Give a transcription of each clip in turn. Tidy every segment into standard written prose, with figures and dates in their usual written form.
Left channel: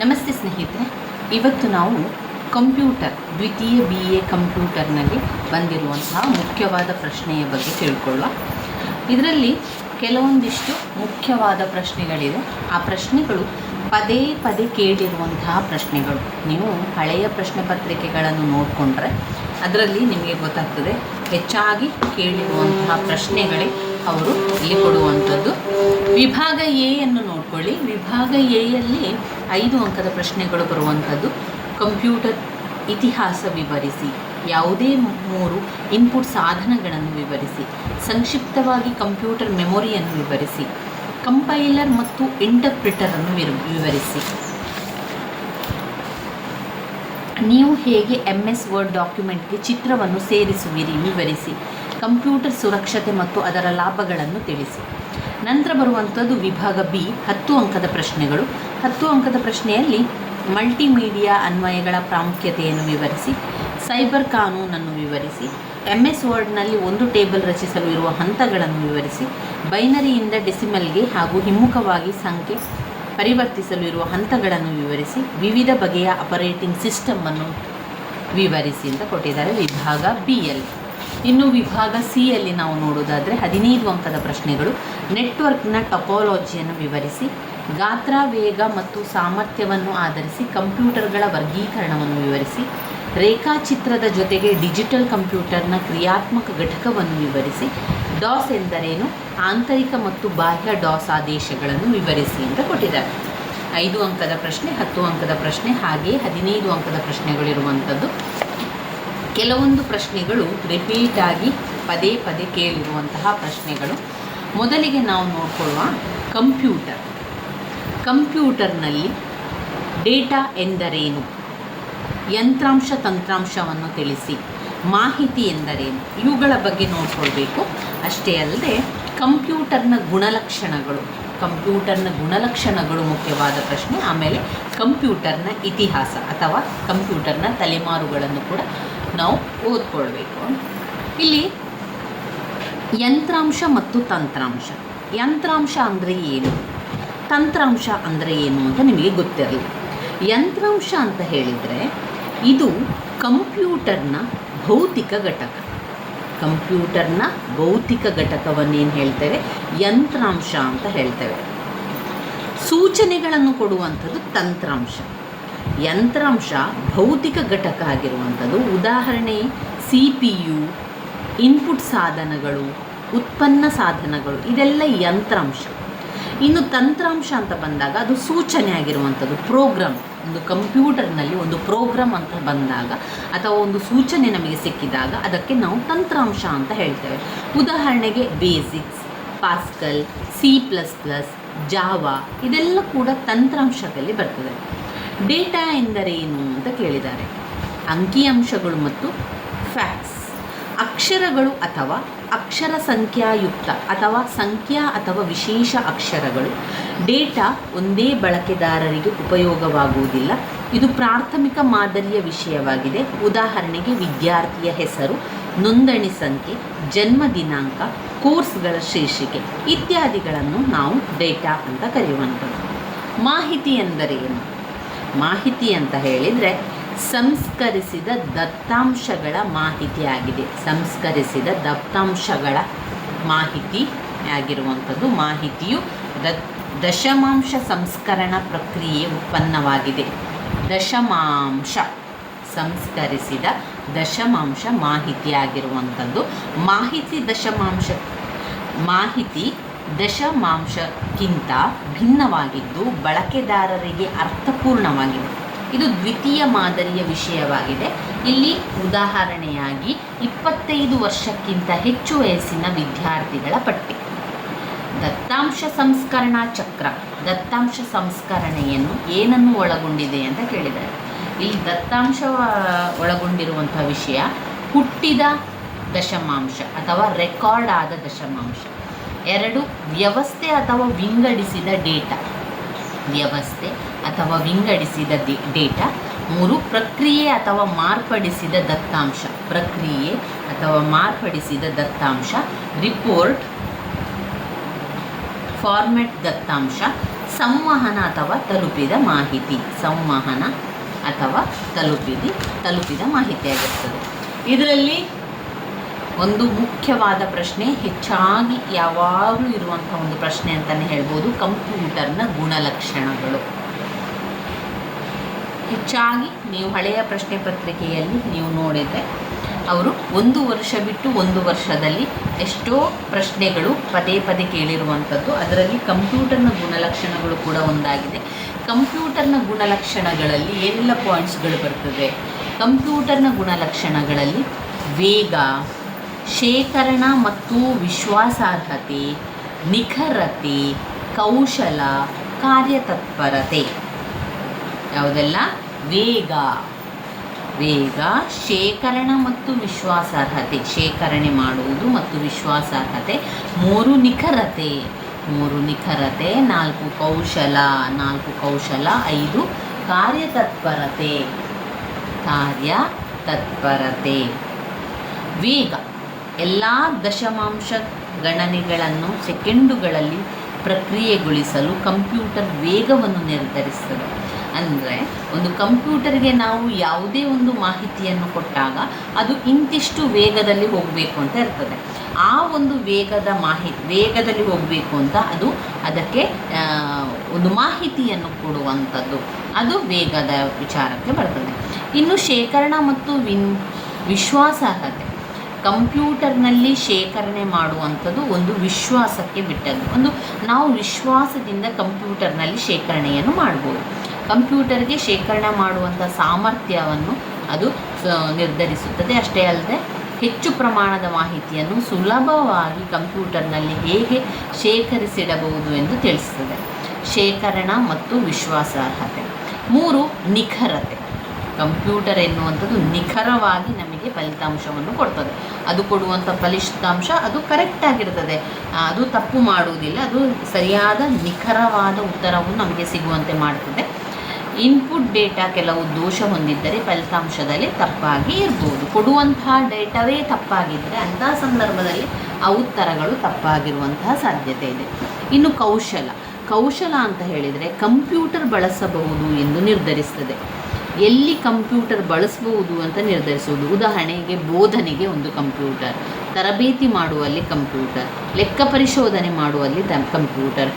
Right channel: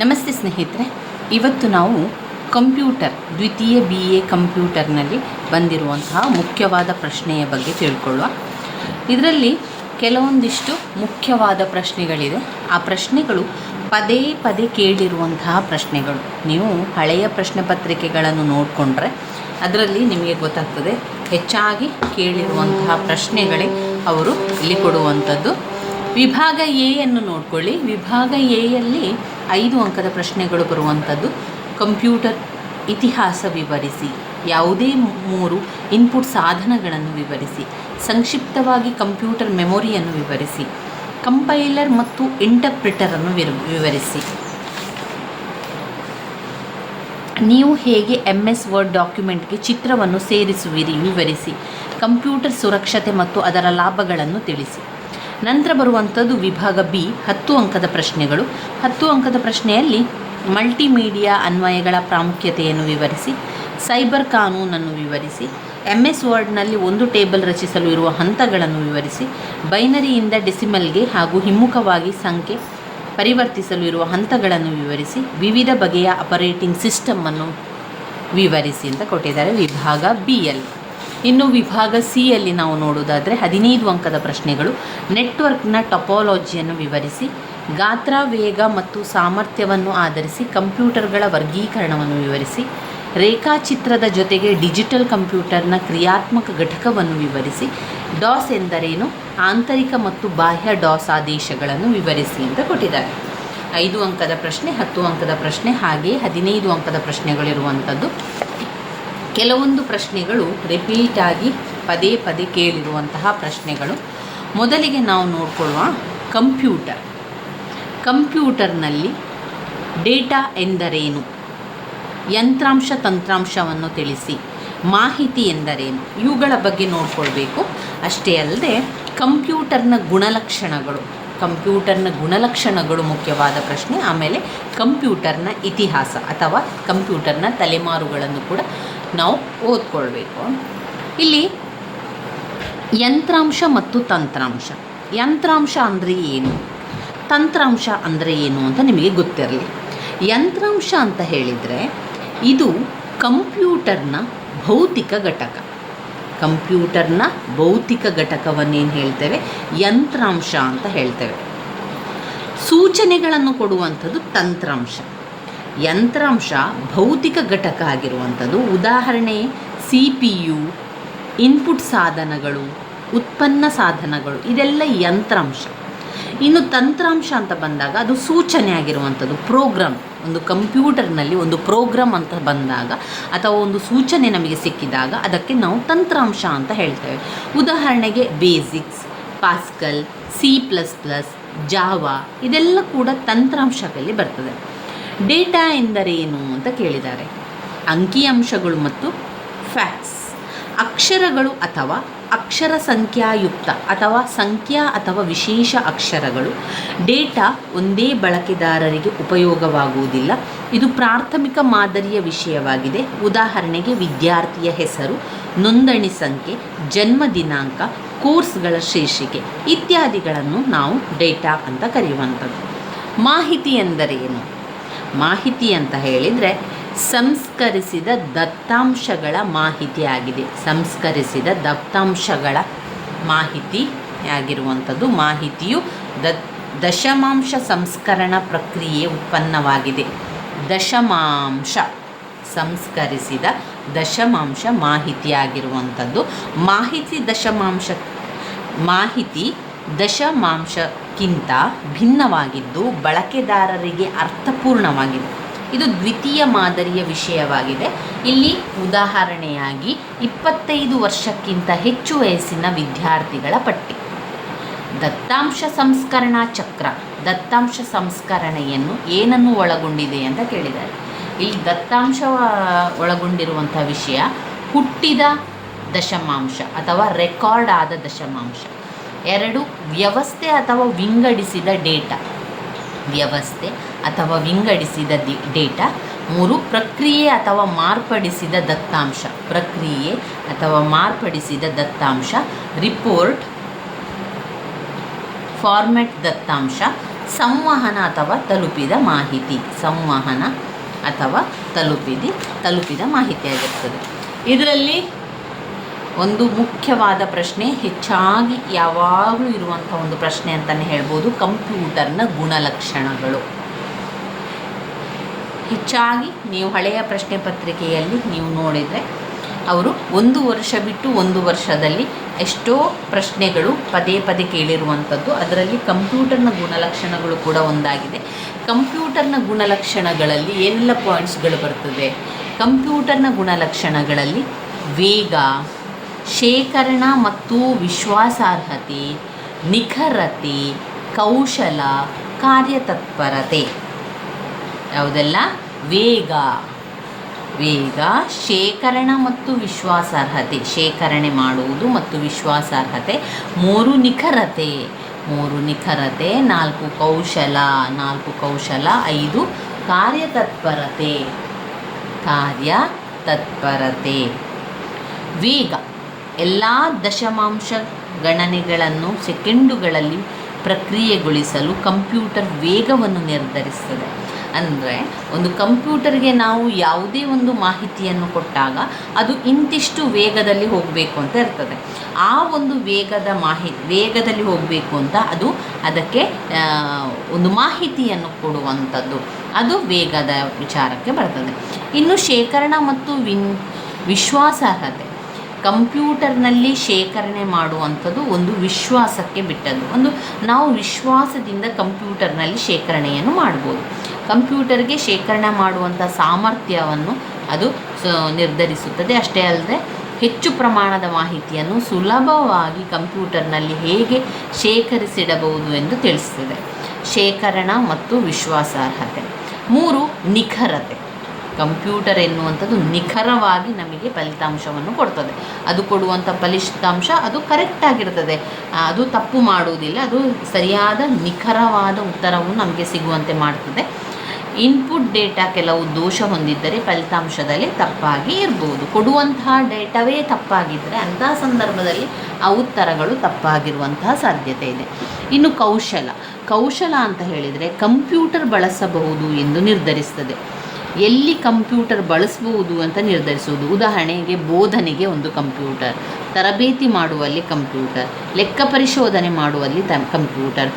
ನಮಸ್ತೆ ಸ್ನೇಹಿತರೆ, ಇವತ್ತು ನಾವು ಕಂಪ್ಯೂಟರ್ ದ್ವಿತೀಯ BA ಕಂಪ್ಯೂಟರ್ನಲ್ಲಿ ಬಂದಿರುವಂತಹ ಮುಖ್ಯವಾದ ಪ್ರಶ್ನೆಯ ಬಗ್ಗೆ ತಿಳ್ಕೊಳ್ಳುವ. ಇದರಲ್ಲಿ ಕೆಲವೊಂದಿಷ್ಟು ಮುಖ್ಯವಾದ ಪ್ರಶ್ನೆಗಳಿದೆ. ಆ ಪ್ರಶ್ನೆಗಳು ಪದೇ ಪದೇ ಕೇಳಿರುವಂತಹ ಪ್ರಶ್ನೆಗಳು. ನೀವು ಹಳೆಯ ಪ್ರಶ್ನೆ ಪತ್ರಿಕೆಗಳನ್ನು ನೋಡಿಕೊಂಡ್ರೆ ಅದರಲ್ಲಿ ನಿಮಗೆ ಗೊತ್ತಾಗ್ತದೆ ಹೆಚ್ಚಾಗಿ ಕೇಳಿರುವಂತಹ ಪ್ರಶ್ನೆಗಳೇ ಅವರು ಇಲ್ಲಿ ಕೊಡುವಂಥದ್ದು. ವಿಭಾಗ ಎಯನ್ನು ನೋಡ್ಕೊಳ್ಳಿ. ವಿಭಾಗ ಎಯಲ್ಲಿ 5 ಅಂಕದ ಪ್ರಶ್ನೆಗಳು ಬರುವಂಥದ್ದು. ಕಂಪ್ಯೂಟರ್ ಇತಿಹಾಸ ವಿವರಿಸಿ, ಯಾವುದೇ 3 ಇನ್ಪುಟ್ ಸಾಧನಗಳನ್ನು ವಿವರಿಸಿ, ಸಂಕ್ಷಿಪ್ತವಾಗಿ ಕಂಪ್ಯೂಟರ್ ಮೆಮೊರಿಯನ್ನು ವಿವರಿಸಿ, ಕಂಪೈಲರ್ ಮತ್ತು ಇಂಟರ್ಪ್ರಿಟರನ್ನು ವಿವರಿಸಿ, ನೀವು ಹೇಗೆ MS ವರ್ಡ್ ಡಾಕ್ಯುಮೆಂಟ್ಗೆ ಚಿತ್ರವನ್ನು ಸೇರಿಸುವಿರಿ ವಿವರಿಸಿ, ಕಂಪ್ಯೂಟರ್ ಸುರಕ್ಷತೆ ಮತ್ತು ಅದರ ಲಾಭಗಳನ್ನು ತಿಳಿಸಿ. ನಂತರ ಬರುವಂಥದ್ದು ವಿಭಾಗ B 10 ಅಂಕದ ಪ್ರಶ್ನೆಗಳು. 10 ಅಂಕದ ಪ್ರಶ್ನೆಯಲ್ಲಿ ಮಲ್ಟಿಮೀಡಿಯಾ ಅನ್ವಯಗಳ ಪ್ರಾಮುಖ್ಯತೆಯನ್ನು ವಿವರಿಸಿ, ಸೈಬರ್ ಕಾನೂನನ್ನು ವಿವರಿಸಿ, MS ವರ್ಡ್ನಲ್ಲಿ ಒಂದು ಟೇಬಲ್ ರಚಿಸಲು ಇರುವ ಹಂತಗಳನ್ನು ವಿವರಿಸಿ, ಬೈನರಿಯಿಂದ ಡೆಸಿಮಲ್ಗೆ ಹಾಗೂ ಹಿಮ್ಮುಖವಾಗಿ ಸಂಖ್ಯೆ ಪರಿವರ್ತಿಸಲು ಇರುವ ಹಂತಗಳನ್ನು ವಿವರಿಸಿ, ವಿವಿಧ ಬಗೆಯ ಆಪರೇಟಿಂಗ್ ಸಿಸ್ಟಮನ್ನು ವಿವರಿಸಿ ಅಂತ ಕೊಟ್ಟಿದ್ದಾರೆ ವಿಭಾಗ Bಯಲ್ಲಿ. ಇನ್ನು ವಿಭಾಗ Cಯಲ್ಲಿ ನಾವು ನೋಡುವುದಾದರೆ 15 ಅಂಕದ ಪ್ರಶ್ನೆಗಳು. ನೆಟ್ವರ್ಕ್ನ ಟೊಪಾಲಜಿಯನ್ನು ವಿವರಿಸಿ, ಗಾತ್ರ, ವೇಗ ಮತ್ತು ಸಾಮರ್ಥ್ಯವನ್ನು ಆಧರಿಸಿ ಕಂಪ್ಯೂಟರ್ಗಳ ವರ್ಗೀಕರಣವನ್ನು ವಿವರಿಸಿ, ರೇಖಾಚಿತ್ರದ ಜೊತೆಗೆ ಡಿಜಿಟಲ್ ಕಂಪ್ಯೂಟರ್ನ ಕ್ರಿಯಾತ್ಮಕ ಘಟಕವನ್ನು ವಿವರಿಸಿ, ಡಾಸ್ ಎಂದರೇನು, ಆಂತರಿಕ ಮತ್ತು ಬಾಹ್ಯ ಡಾಸ್ ಆದೇಶಗಳನ್ನು ವಿವರಿಸಿ ಅಂತ ಕೊಟ್ಟಿದ್ದಾರೆ. 5 ಅಂಕದ ಪ್ರಶ್ನೆ, 10 ಅಂಕದ ಪ್ರಶ್ನೆ, ಹಾಗೆಯೇ 15 ಅಂಕದ ಪ್ರಶ್ನೆಗಳಿರುವಂಥದ್ದು. ಕೆಲವೊಂದು ಪ್ರಶ್ನೆಗಳು ರಿಪೀಟಾಗಿ ಪದೇ ಪದೇ ಕೇಳಿರುವಂತಹ ಪ್ರಶ್ನೆಗಳು. ಮೊದಲಿಗೆ ನಾವು ನೋಡ್ಕೊಳ್ಳುವ ಕಂಪ್ಯೂಟರ್ನಲ್ಲಿ ಡೇಟಾ ಎಂದರೇನು, ಯಂತ್ರಾಂಶ ತಂತ್ರಾಂಶವನ್ನು ತಿಳಿಸಿ, ಮಾಹಿತಿ ಎಂದರೇನು, ಇವುಗಳ ಬಗ್ಗೆ ನೋಡ್ಕೊಳ್ಬೇಕು. ಅಷ್ಟೇ ಅಲ್ಲದೆ ಕಂಪ್ಯೂಟರ್ನ ಗುಣಲಕ್ಷಣಗಳು ಮುಖ್ಯವಾದ ಪ್ರಶ್ನೆ. ಆಮೇಲೆ ಕಂಪ್ಯೂಟರ್ನ ಇತಿಹಾಸ ಅಥವಾ ಕಂಪ್ಯೂಟರ್ನ ತಲೆಮಾರುಗಳನ್ನು ಕೂಡ ನಾವು ಓದ್ಕೊಳ್ಬೇಕು. ಇಲ್ಲಿ ಯಂತ್ರಾಂಶ ಮತ್ತು ತಂತ್ರಾಂಶ. ಯಂತ್ರಾಂಶ ಅಂದರೆ ಏನು, ತಂತ್ರಾಂಶ ಅಂದರೆ ಏನು ಅಂತ ನಿಮಗೆ ಗೊತ್ತಿರಲಿ. ಯಂತ್ರಾಂಶ ಅಂತ ಹೇಳಿದರೆ ಇದು ಕಂಪ್ಯೂಟರ್ನ ಭೌತಿಕ ಘಟಕ. ಕಂಪ್ಯೂಟರ್ನ ಭೌತಿಕ ಘಟಕವನ್ನೇನು ಹೇಳ್ತೇವೆ, ಯಂತ್ರಾಂಶ ಅಂತ ಹೇಳ್ತೇವೆ. ಸೂಚನೆಗಳನ್ನು ಕೊಡುವಂಥದ್ದು ತಂತ್ರಾಂಶ. ಯಂತ್ರಾಂಶ ಭೌತಿಕ ಘಟಕ ಆಗಿರುವಂಥದ್ದು. ಉದಾಹರಣೆ CPU, ಇನ್ಪುಟ್ ಸಾಧನಗಳು, ಉತ್ಪನ್ನ ಸಾಧನಗಳು, ಇದೆಲ್ಲ ಯಂತ್ರಾಂಶ. ಇನ್ನು ತಂತ್ರಾಂಶ ಅಂತ ಬಂದಾಗ ಅದು ಸೂಚನೆ ಆಗಿರುವಂಥದ್ದು, ಪ್ರೋಗ್ರಾಮ್. ಒಂದು ಕಂಪ್ಯೂಟರ್ನಲ್ಲಿ ಒಂದು ಪ್ರೋಗ್ರಾಮ್ ಅಂತ ಬಂದಾಗ ಅಥವಾ ಒಂದು ಸೂಚನೆ ನಮಗೆ ಸಿಕ್ಕಿದಾಗ ಅದಕ್ಕೆ ನಾವು ತಂತ್ರಾಂಶ ಅಂತ ಹೇಳ್ತೇವೆ. ಉದಾಹರಣೆಗೆ ಬೇಸಿಕ್ಸ್, ಪಾಸ್ಕಲ್, C++, ಜಾವಾ, ಇದೆಲ್ಲ ಕೂಡ ತಂತ್ರಾಂಶದಲ್ಲಿ ಬರ್ತದೆ. ಡೇಟಾ ಎಂದರೇನು ಅಂತ ಕೇಳಿದ್ದಾರೆ. ಅಂಕಿಅಂಶಗಳು ಮತ್ತು ಫ್ಯಾಕ್ಟ್ಸ್, ಅಕ್ಷರಗಳು ಅಥವಾ ಅಕ್ಷರ ಸಂಖ್ಯಾಯುಕ್ತ ಅಥವಾ ಸಂಖ್ಯಾ ಅಥವಾ ವಿಶೇಷ ಅಕ್ಷರಗಳು. ಡೇಟಾ ಒಂದೇ ಬಳಕೆದಾರರಿಗೆ ಉಪಯೋಗವಾಗುವುದಿಲ್ಲ. ಇದು ಪ್ರಾಥಮಿಕ ಮಾದರಿಯ ವಿಷಯವಾಗಿದೆ. ಉದಾಹರಣೆಗೆ ವಿದ್ಯಾರ್ಥಿಯ ಹೆಸರು, ನೋಂದಣಿ ಸಂಖ್ಯೆ, ಜನ್ಮ ದಿನಾಂಕ, ಕೋರ್ಸ್ಗಳ ಶೀರ್ಷಿಕೆ ಇತ್ಯಾದಿಗಳನ್ನು ನಾವು ಡೇಟಾ ಅಂತ ಕರೆಯುವಂಥದ್ದು. ಮಾಹಿತಿ ಎಂದರೇನು? ಮಾಹಿತಿ ಅಂತ ಹೇಳಿದರೆ ಸಂಸ್ಕರಿಸಿದ ದತ್ತಾಂಶಗಳ ಮಾಹಿತಿಯಾಗಿದೆ. ಸಂಸ್ಕರಿಸಿದ ದತ್ತಾಂಶಗಳ ಮಾಹಿತಿಯಾಗಿರುವಂಥದ್ದು. ಮಾಹಿತಿಯು ದಶಮಾಂಶ ಸಂಸ್ಕರಣಾ ಪ್ರಕ್ರಿಯೆಯ ಉತ್ಪನ್ನವಾಗಿದೆ. ಸಂಸ್ಕರಿಸಿದ ದಶಮಾಂಶ ಮಾಹಿತಿಯಾಗಿರುವಂಥದ್ದು. ಮಾಹಿತಿ ದಶಮಾಂಶಕ್ಕಿಂತ ಭಿನ್ನವಾಗಿದ್ದು ಬಳಕೆದಾರರಿಗೆ ಅರ್ಥಪೂರ್ಣವಾಗಿದೆ. ಇದು ದ್ವಿತೀಯ ಮಾದರಿಯ ವಿಷಯವಾಗಿದೆ. ಇಲ್ಲಿ ಉದಾಹರಣೆಯಾಗಿ 25 ವರ್ಷಕ್ಕಿಂತ ಹೆಚ್ಚು ವಯಸ್ಸಿನ ವಿದ್ಯಾರ್ಥಿಗಳ ಪಟ್ಟಿ. ದತ್ತಾಂಶ ಸಂಸ್ಕರಣಾ ಚಕ್ರ. ದತ್ತಾಂಶ ಸಂಸ್ಕರಣೆಯನ್ನು ಏನನ್ನು ಒಳಗೊಂಡಿದೆ ಅಂತ ಕೇಳಿದ್ದಾರೆ. ಇಲ್ಲಿ ದತ್ತಾಂಶ ಒಳಗೊಂಡಿರುವಂಥ ವಿಷಯ ಹುಟ್ಟಿದ ದಶಮಾಂಶ ಅಥವಾ ರೆಕಾರ್ಡ್ ಆದ ದಶಮಾಂಶ. 2 ವ್ಯವಸ್ಥೆ ಅಥವಾ ವಿಂಗಡಿಸಿದ ಡೇಟಾ. ವ್ಯವಸ್ಥೆ ಅಥವಾ ವಿಂಗಡಿಸಿದ ಡೇಟಾ. 3 ಪ್ರಕ್ರಿಯೆ ಅಥವಾ ಮಾರ್ಪಡಿಸಿದ ದತ್ತಾಂಶ. ಪ್ರಕ್ರಿಯೆ ಅಥವಾ ಮಾರ್ಪಡಿಸಿದ ದತ್ತಾಂಶ. ರಿಪೋರ್ಟ್ ಫಾರ್ಮ್ಯಾಟ್ ದತ್ತಾಂಶ, ಸಂವಹನ ಅಥವಾ ತಲುಪಿದ ಮಾಹಿತಿ. ಸಂವಹನ ಅಥವಾ ತಲುಪಿದ ಮಾಹಿತಿಯಾಗಿರ್ತದೆ. ಇದರಲ್ಲಿ ಒಂದು ಮುಖ್ಯವಾದ ಪ್ರಶ್ನೆ, ಹೆಚ್ಚಾಗಿ ಯಾವಾಗಲೂ ಇರುವಂಥ ಒಂದು ಪ್ರಶ್ನೆ ಅಂತಲೇ ಹೇಳ್ಬೋದು, ಕಂಪ್ಯೂಟರ್ನ ಗುಣಲಕ್ಷಣಗಳು. ಹೆಚ್ಚಾಗಿ ನೀವು ಹಳೆಯ ಪ್ರಶ್ನೆ ಪತ್ರಿಕೆಯಲ್ಲಿ ನೀವು ನೋಡಿದರೆ ಅವರು 1 ವರ್ಷ ಬಿಟ್ಟು 1 ವರ್ಷದಲ್ಲಿ ಎಷ್ಟೋ ಪ್ರಶ್ನೆಗಳು ಪದೇ ಪದೇ ಕೇಳಿರುವಂಥದ್ದು. ಅದರಲ್ಲಿ ಕಂಪ್ಯೂಟರ್ನ ಗುಣಲಕ್ಷಣಗಳು ಕೂಡ ಒಂದಾಗಿದೆ. ಕಂಪ್ಯೂಟರ್ನ ಗುಣಲಕ್ಷಣಗಳಲ್ಲಿ ಏನೆಲ್ಲ ಪಾಯಿಂಟ್ಸ್ಗಳು ಬರ್ತದೆ? ಕಂಪ್ಯೂಟರ್ನ ಗುಣಲಕ್ಷಣಗಳಲ್ಲಿ ವೇಗ, ಶೇಖರಣಾ ಮತ್ತು ವಿಶ್ವಾಸಾರ್ಹತೆ, ನಿಖರತೆ, ಕೌಶಲ, ಕಾರ್ಯತತ್ಪರತೆ. ಯಾವುದೆಲ್ಲ? ವೇಗ, ಶೇಖರಣೆ ಮತ್ತು ವಿಶ್ವಾಸಾರ್ಹತೆ, ಶೇಖರಣೆ ಮಾಡುವುದು ಮತ್ತು ವಿಶ್ವಾಸಾರ್ಹತೆ. 3 ನಿಖರತೆ, 4 ಕೌಶಲ, 5 ಕಾರ್ಯತತ್ಪರತೆ. ವೇಗ, ಎಲ್ಲ ದಶಮಾಂಶ ಗಣನೆಗಳನ್ನು ಸೆಕೆಂಡುಗಳಲ್ಲಿ ಪ್ರಕ್ರಿಯೆಗೊಳಿಸಲು ಕಂಪ್ಯೂಟರ್ ವೇಗವನ್ನು ನಿರ್ಧರಿಸುತ್ತದೆ. ಅಂದರೆ ಒಂದು ಕಂಪ್ಯೂಟರ್ಗೆ ನಾವು ಯಾವುದೇ ಒಂದು ಮಾಹಿತಿಯನ್ನು ಕೊಟ್ಟಾಗ ಅದು ಇಂತಿಷ್ಟು ವೇಗದಲ್ಲಿ ಹೋಗಬೇಕು ಅಂತ ಇರ್ತದೆ. ಆ ಒಂದು ವೇಗದಲ್ಲಿ ಹೋಗಬೇಕು ಅಂತ ಅದಕ್ಕೆ ಒಂದು ಮಾಹಿತಿಯನ್ನು ಕೊಡುವಂಥದ್ದು, ಅದು ವೇಗದ ವಿಚಾರಕ್ಕೆ ಬರ್ತದೆ. ಇನ್ನು ಶೇಖರಣಾ ಮತ್ತು ವಿಶ್ವಾಸಾರ್ಹತೆ. ಕಂಪ್ಯೂಟರ್ನಲ್ಲಿ ಶೇಖರಣೆ ಮಾಡುವಂಥದ್ದು ಒಂದು ವಿಶ್ವಾಸಕ್ಕೆ ಬಿಟ್ಟದ್ದು. ನಾವು ವಿಶ್ವಾಸದಿಂದ ಕಂಪ್ಯೂಟರ್ನಲ್ಲಿ ಶೇಖರಣೆಯನ್ನು ಮಾಡ್ಬೋದು. ಕಂಪ್ಯೂಟರ್ಗೆ ಶೇಖರಣೆ ಮಾಡುವಂಥ ಸಾಮರ್ಥ್ಯವನ್ನು ಅದು ನಿರ್ಧರಿಸುತ್ತದೆ. ಅಷ್ಟೇ ಅಲ್ಲದೆ ಹೆಚ್ಚು ಪ್ರಮಾಣದ ಮಾಹಿತಿಯನ್ನು ಸುಲಭವಾಗಿ ಕಂಪ್ಯೂಟರ್ನಲ್ಲಿ ಹೇಗೆ ಶೇಖರಿಸಿಡಬಹುದು ಎಂದು ತಿಳಿಸುತ್ತದೆ. ಶೇಖರಣಾ ಮತ್ತು ವಿಶ್ವಾಸಾರ್ಹತೆ. 3 ನಿಖರತೆ. ಕಂಪ್ಯೂಟರ್ ಎನ್ನುವಂಥದ್ದು ನಿಖರವಾಗಿ ನಮಗೆ ಫಲಿತಾಂಶವನ್ನು ಕೊಡ್ತದೆ. ಅದು ಕೊಡುವಂಥ ಫಲಿತಾಂಶ ಅದು ಕರೆಕ್ಟಾಗಿರ್ತದೆ, ಅದು ತಪ್ಪು ಮಾಡುವುದಿಲ್ಲ, ಅದು ಸರಿಯಾದ ನಿಖರವಾದ ಉತ್ತರವನ್ನು ನಮಗೆ ಸಿಗುವಂತೆ ಮಾಡ್ತದೆ. ಇನ್ಪುಟ್ ಡೇಟಾ ಕೆಲವು ದೋಷ ಹೊಂದಿದ್ದರೆ ಫಲಿತಾಂಶದಲ್ಲಿ ತಪ್ಪಾಗಿ ಇರ್ಬೋದು. ಕೊಡುವಂತಹ ಡೇಟಾವೇ ತಪ್ಪಾಗಿದ್ದರೆ ಅಂತಹ ಸಂದರ್ಭದಲ್ಲಿ ಆ ಉತ್ತರಗಳು ತಪ್ಪಾಗಿರುವಂತಹ ಸಾಧ್ಯತೆ ಇದೆ. ಇನ್ನು ಕೌಶಲ ಅಂತ ಹೇಳಿದರೆ ಕಂಪ್ಯೂಟರ್ ಬಳಸಬಹುದು ಎಂದು ನಿರ್ಧರಿಸ್ತದೆ. ಎಲ್ಲಿ ಕಂಪ್ಯೂಟರ್ ಬಳಸಬಹುದು ಅಂತ ನಿರ್ಧರಿಸುವುದು. ಉದಾಹರಣೆಗೆ ಬೋಧನೆಗೆ ಒಂದು ಕಂಪ್ಯೂಟರ್, ತರಬೇತಿ ಮಾಡುವಲ್ಲಿ ಕಂಪ್ಯೂಟರ್, ಲೆಕ್ಕ ಪರಿಶೋಧನೆ ಮಾಡುವಲ್ಲಿ ಕಂಪ್ಯೂಟರ್,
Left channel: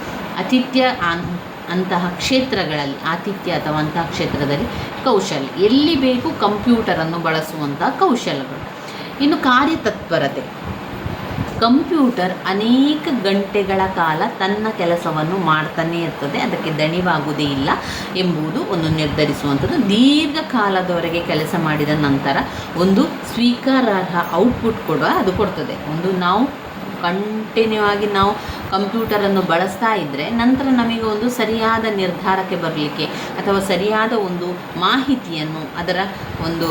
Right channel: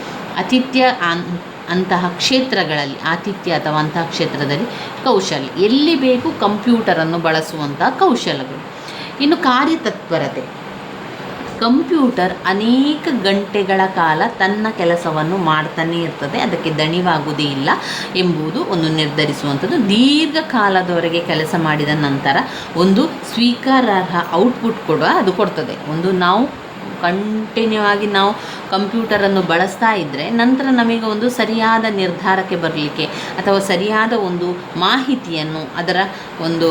ಅಂತಹ ಕ್ಷೇತ್ರದಲ್ಲಿ ಕೌಶಲ, ಎಲ್ಲಿ ಬೇಕು ಕಂಪ್ಯೂಟರನ್ನು ಬಳಸುವಂತಹ ಕೌಶಲಗಳು. ಇನ್ನು ಕಾರ್ಯತತ್ಪರತೆ. ಕಂಪ್ಯೂಟರ್ ಅನೇಕ ಗಂಟೆಗಳ ಕಾಲ ತನ್ನ ಕೆಲಸವನ್ನು ಮಾಡ್ತಾನೇ ಇರ್ತದೆ, ಅದಕ್ಕೆ ದಣಿವಾಗುವುದೇ ಇಲ್ಲ ಎಂಬುದು ಒಂದು ನಿರ್ಧರಿಸುವಂಥದ್ದು. ದೀರ್ಘಕಾಲದವರೆಗೆ ಕೆಲಸ ಮಾಡಿದ ನಂತರ ಒಂದು ಸ್ವೀಕಾರಾರ್ಹ ಔಟ್ಪುಟ್ ಕೂಡ ಅದು ಕೊಡ್ತದೆ. ನಾವು ಕಂಟಿನ್ಯೂ ಆಗಿ ನಾವು ಕಂಪ್ಯೂಟರನ್ನು ಬಳಸ್ತಾ ಇದ್ದರೆ ನಂತರ ನಮಗೆ ಒಂದು ಸರಿಯಾದ ನಿರ್ಧಾರಕ್ಕೆ ಬರಲಿಕ್ಕೆ ಅಥವಾ ಸರಿಯಾದ ಒಂದು ಮಾಹಿತಿಯನ್ನು, ಅದರ ಒಂದು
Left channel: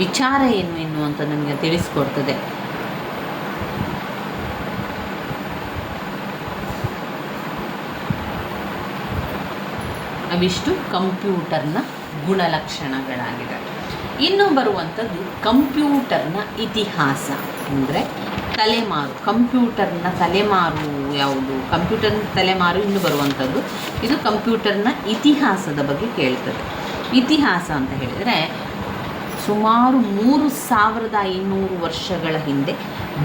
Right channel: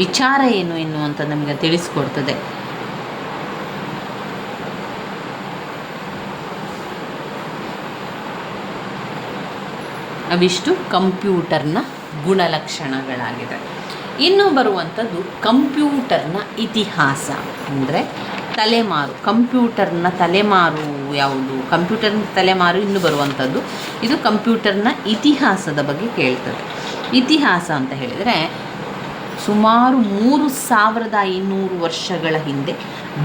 ವಿಚಾರ ಏನು ಎನ್ನುವಂಥ ನಮಗೆ ತಿಳಿಸ್ಕೊಡ್ತದೆ. ಅವಿಷ್ಟು ಕಂಪ್ಯೂಟರ್ನ ಗುಣಲಕ್ಷಣಗಳಾಗಿದೆ. ಇನ್ನು ಬರುವಂಥದ್ದು ಕಂಪ್ಯೂಟರ್ನ ಇತಿಹಾಸ, ಅಂದರೆ ತಲೆಮಾರು. ಕಂಪ್ಯೂಟರ್ನ ತಲೆಮಾರು ಯಾವುದು? ಕಂಪ್ಯೂಟರ್ನ ತಲೆಮಾರು ಇನ್ನು ಬರುವಂಥದ್ದು. ಇದು ಕಂಪ್ಯೂಟರ್ನ ಇತಿಹಾಸದ ಬಗ್ಗೆ ಕೇಳ್ತದೆ. ಇತಿಹಾಸ ಅಂತ ಹೇಳಿದರೆ ಸುಮಾರು 3500 ವರ್ಷಗಳ ಹಿಂದೆ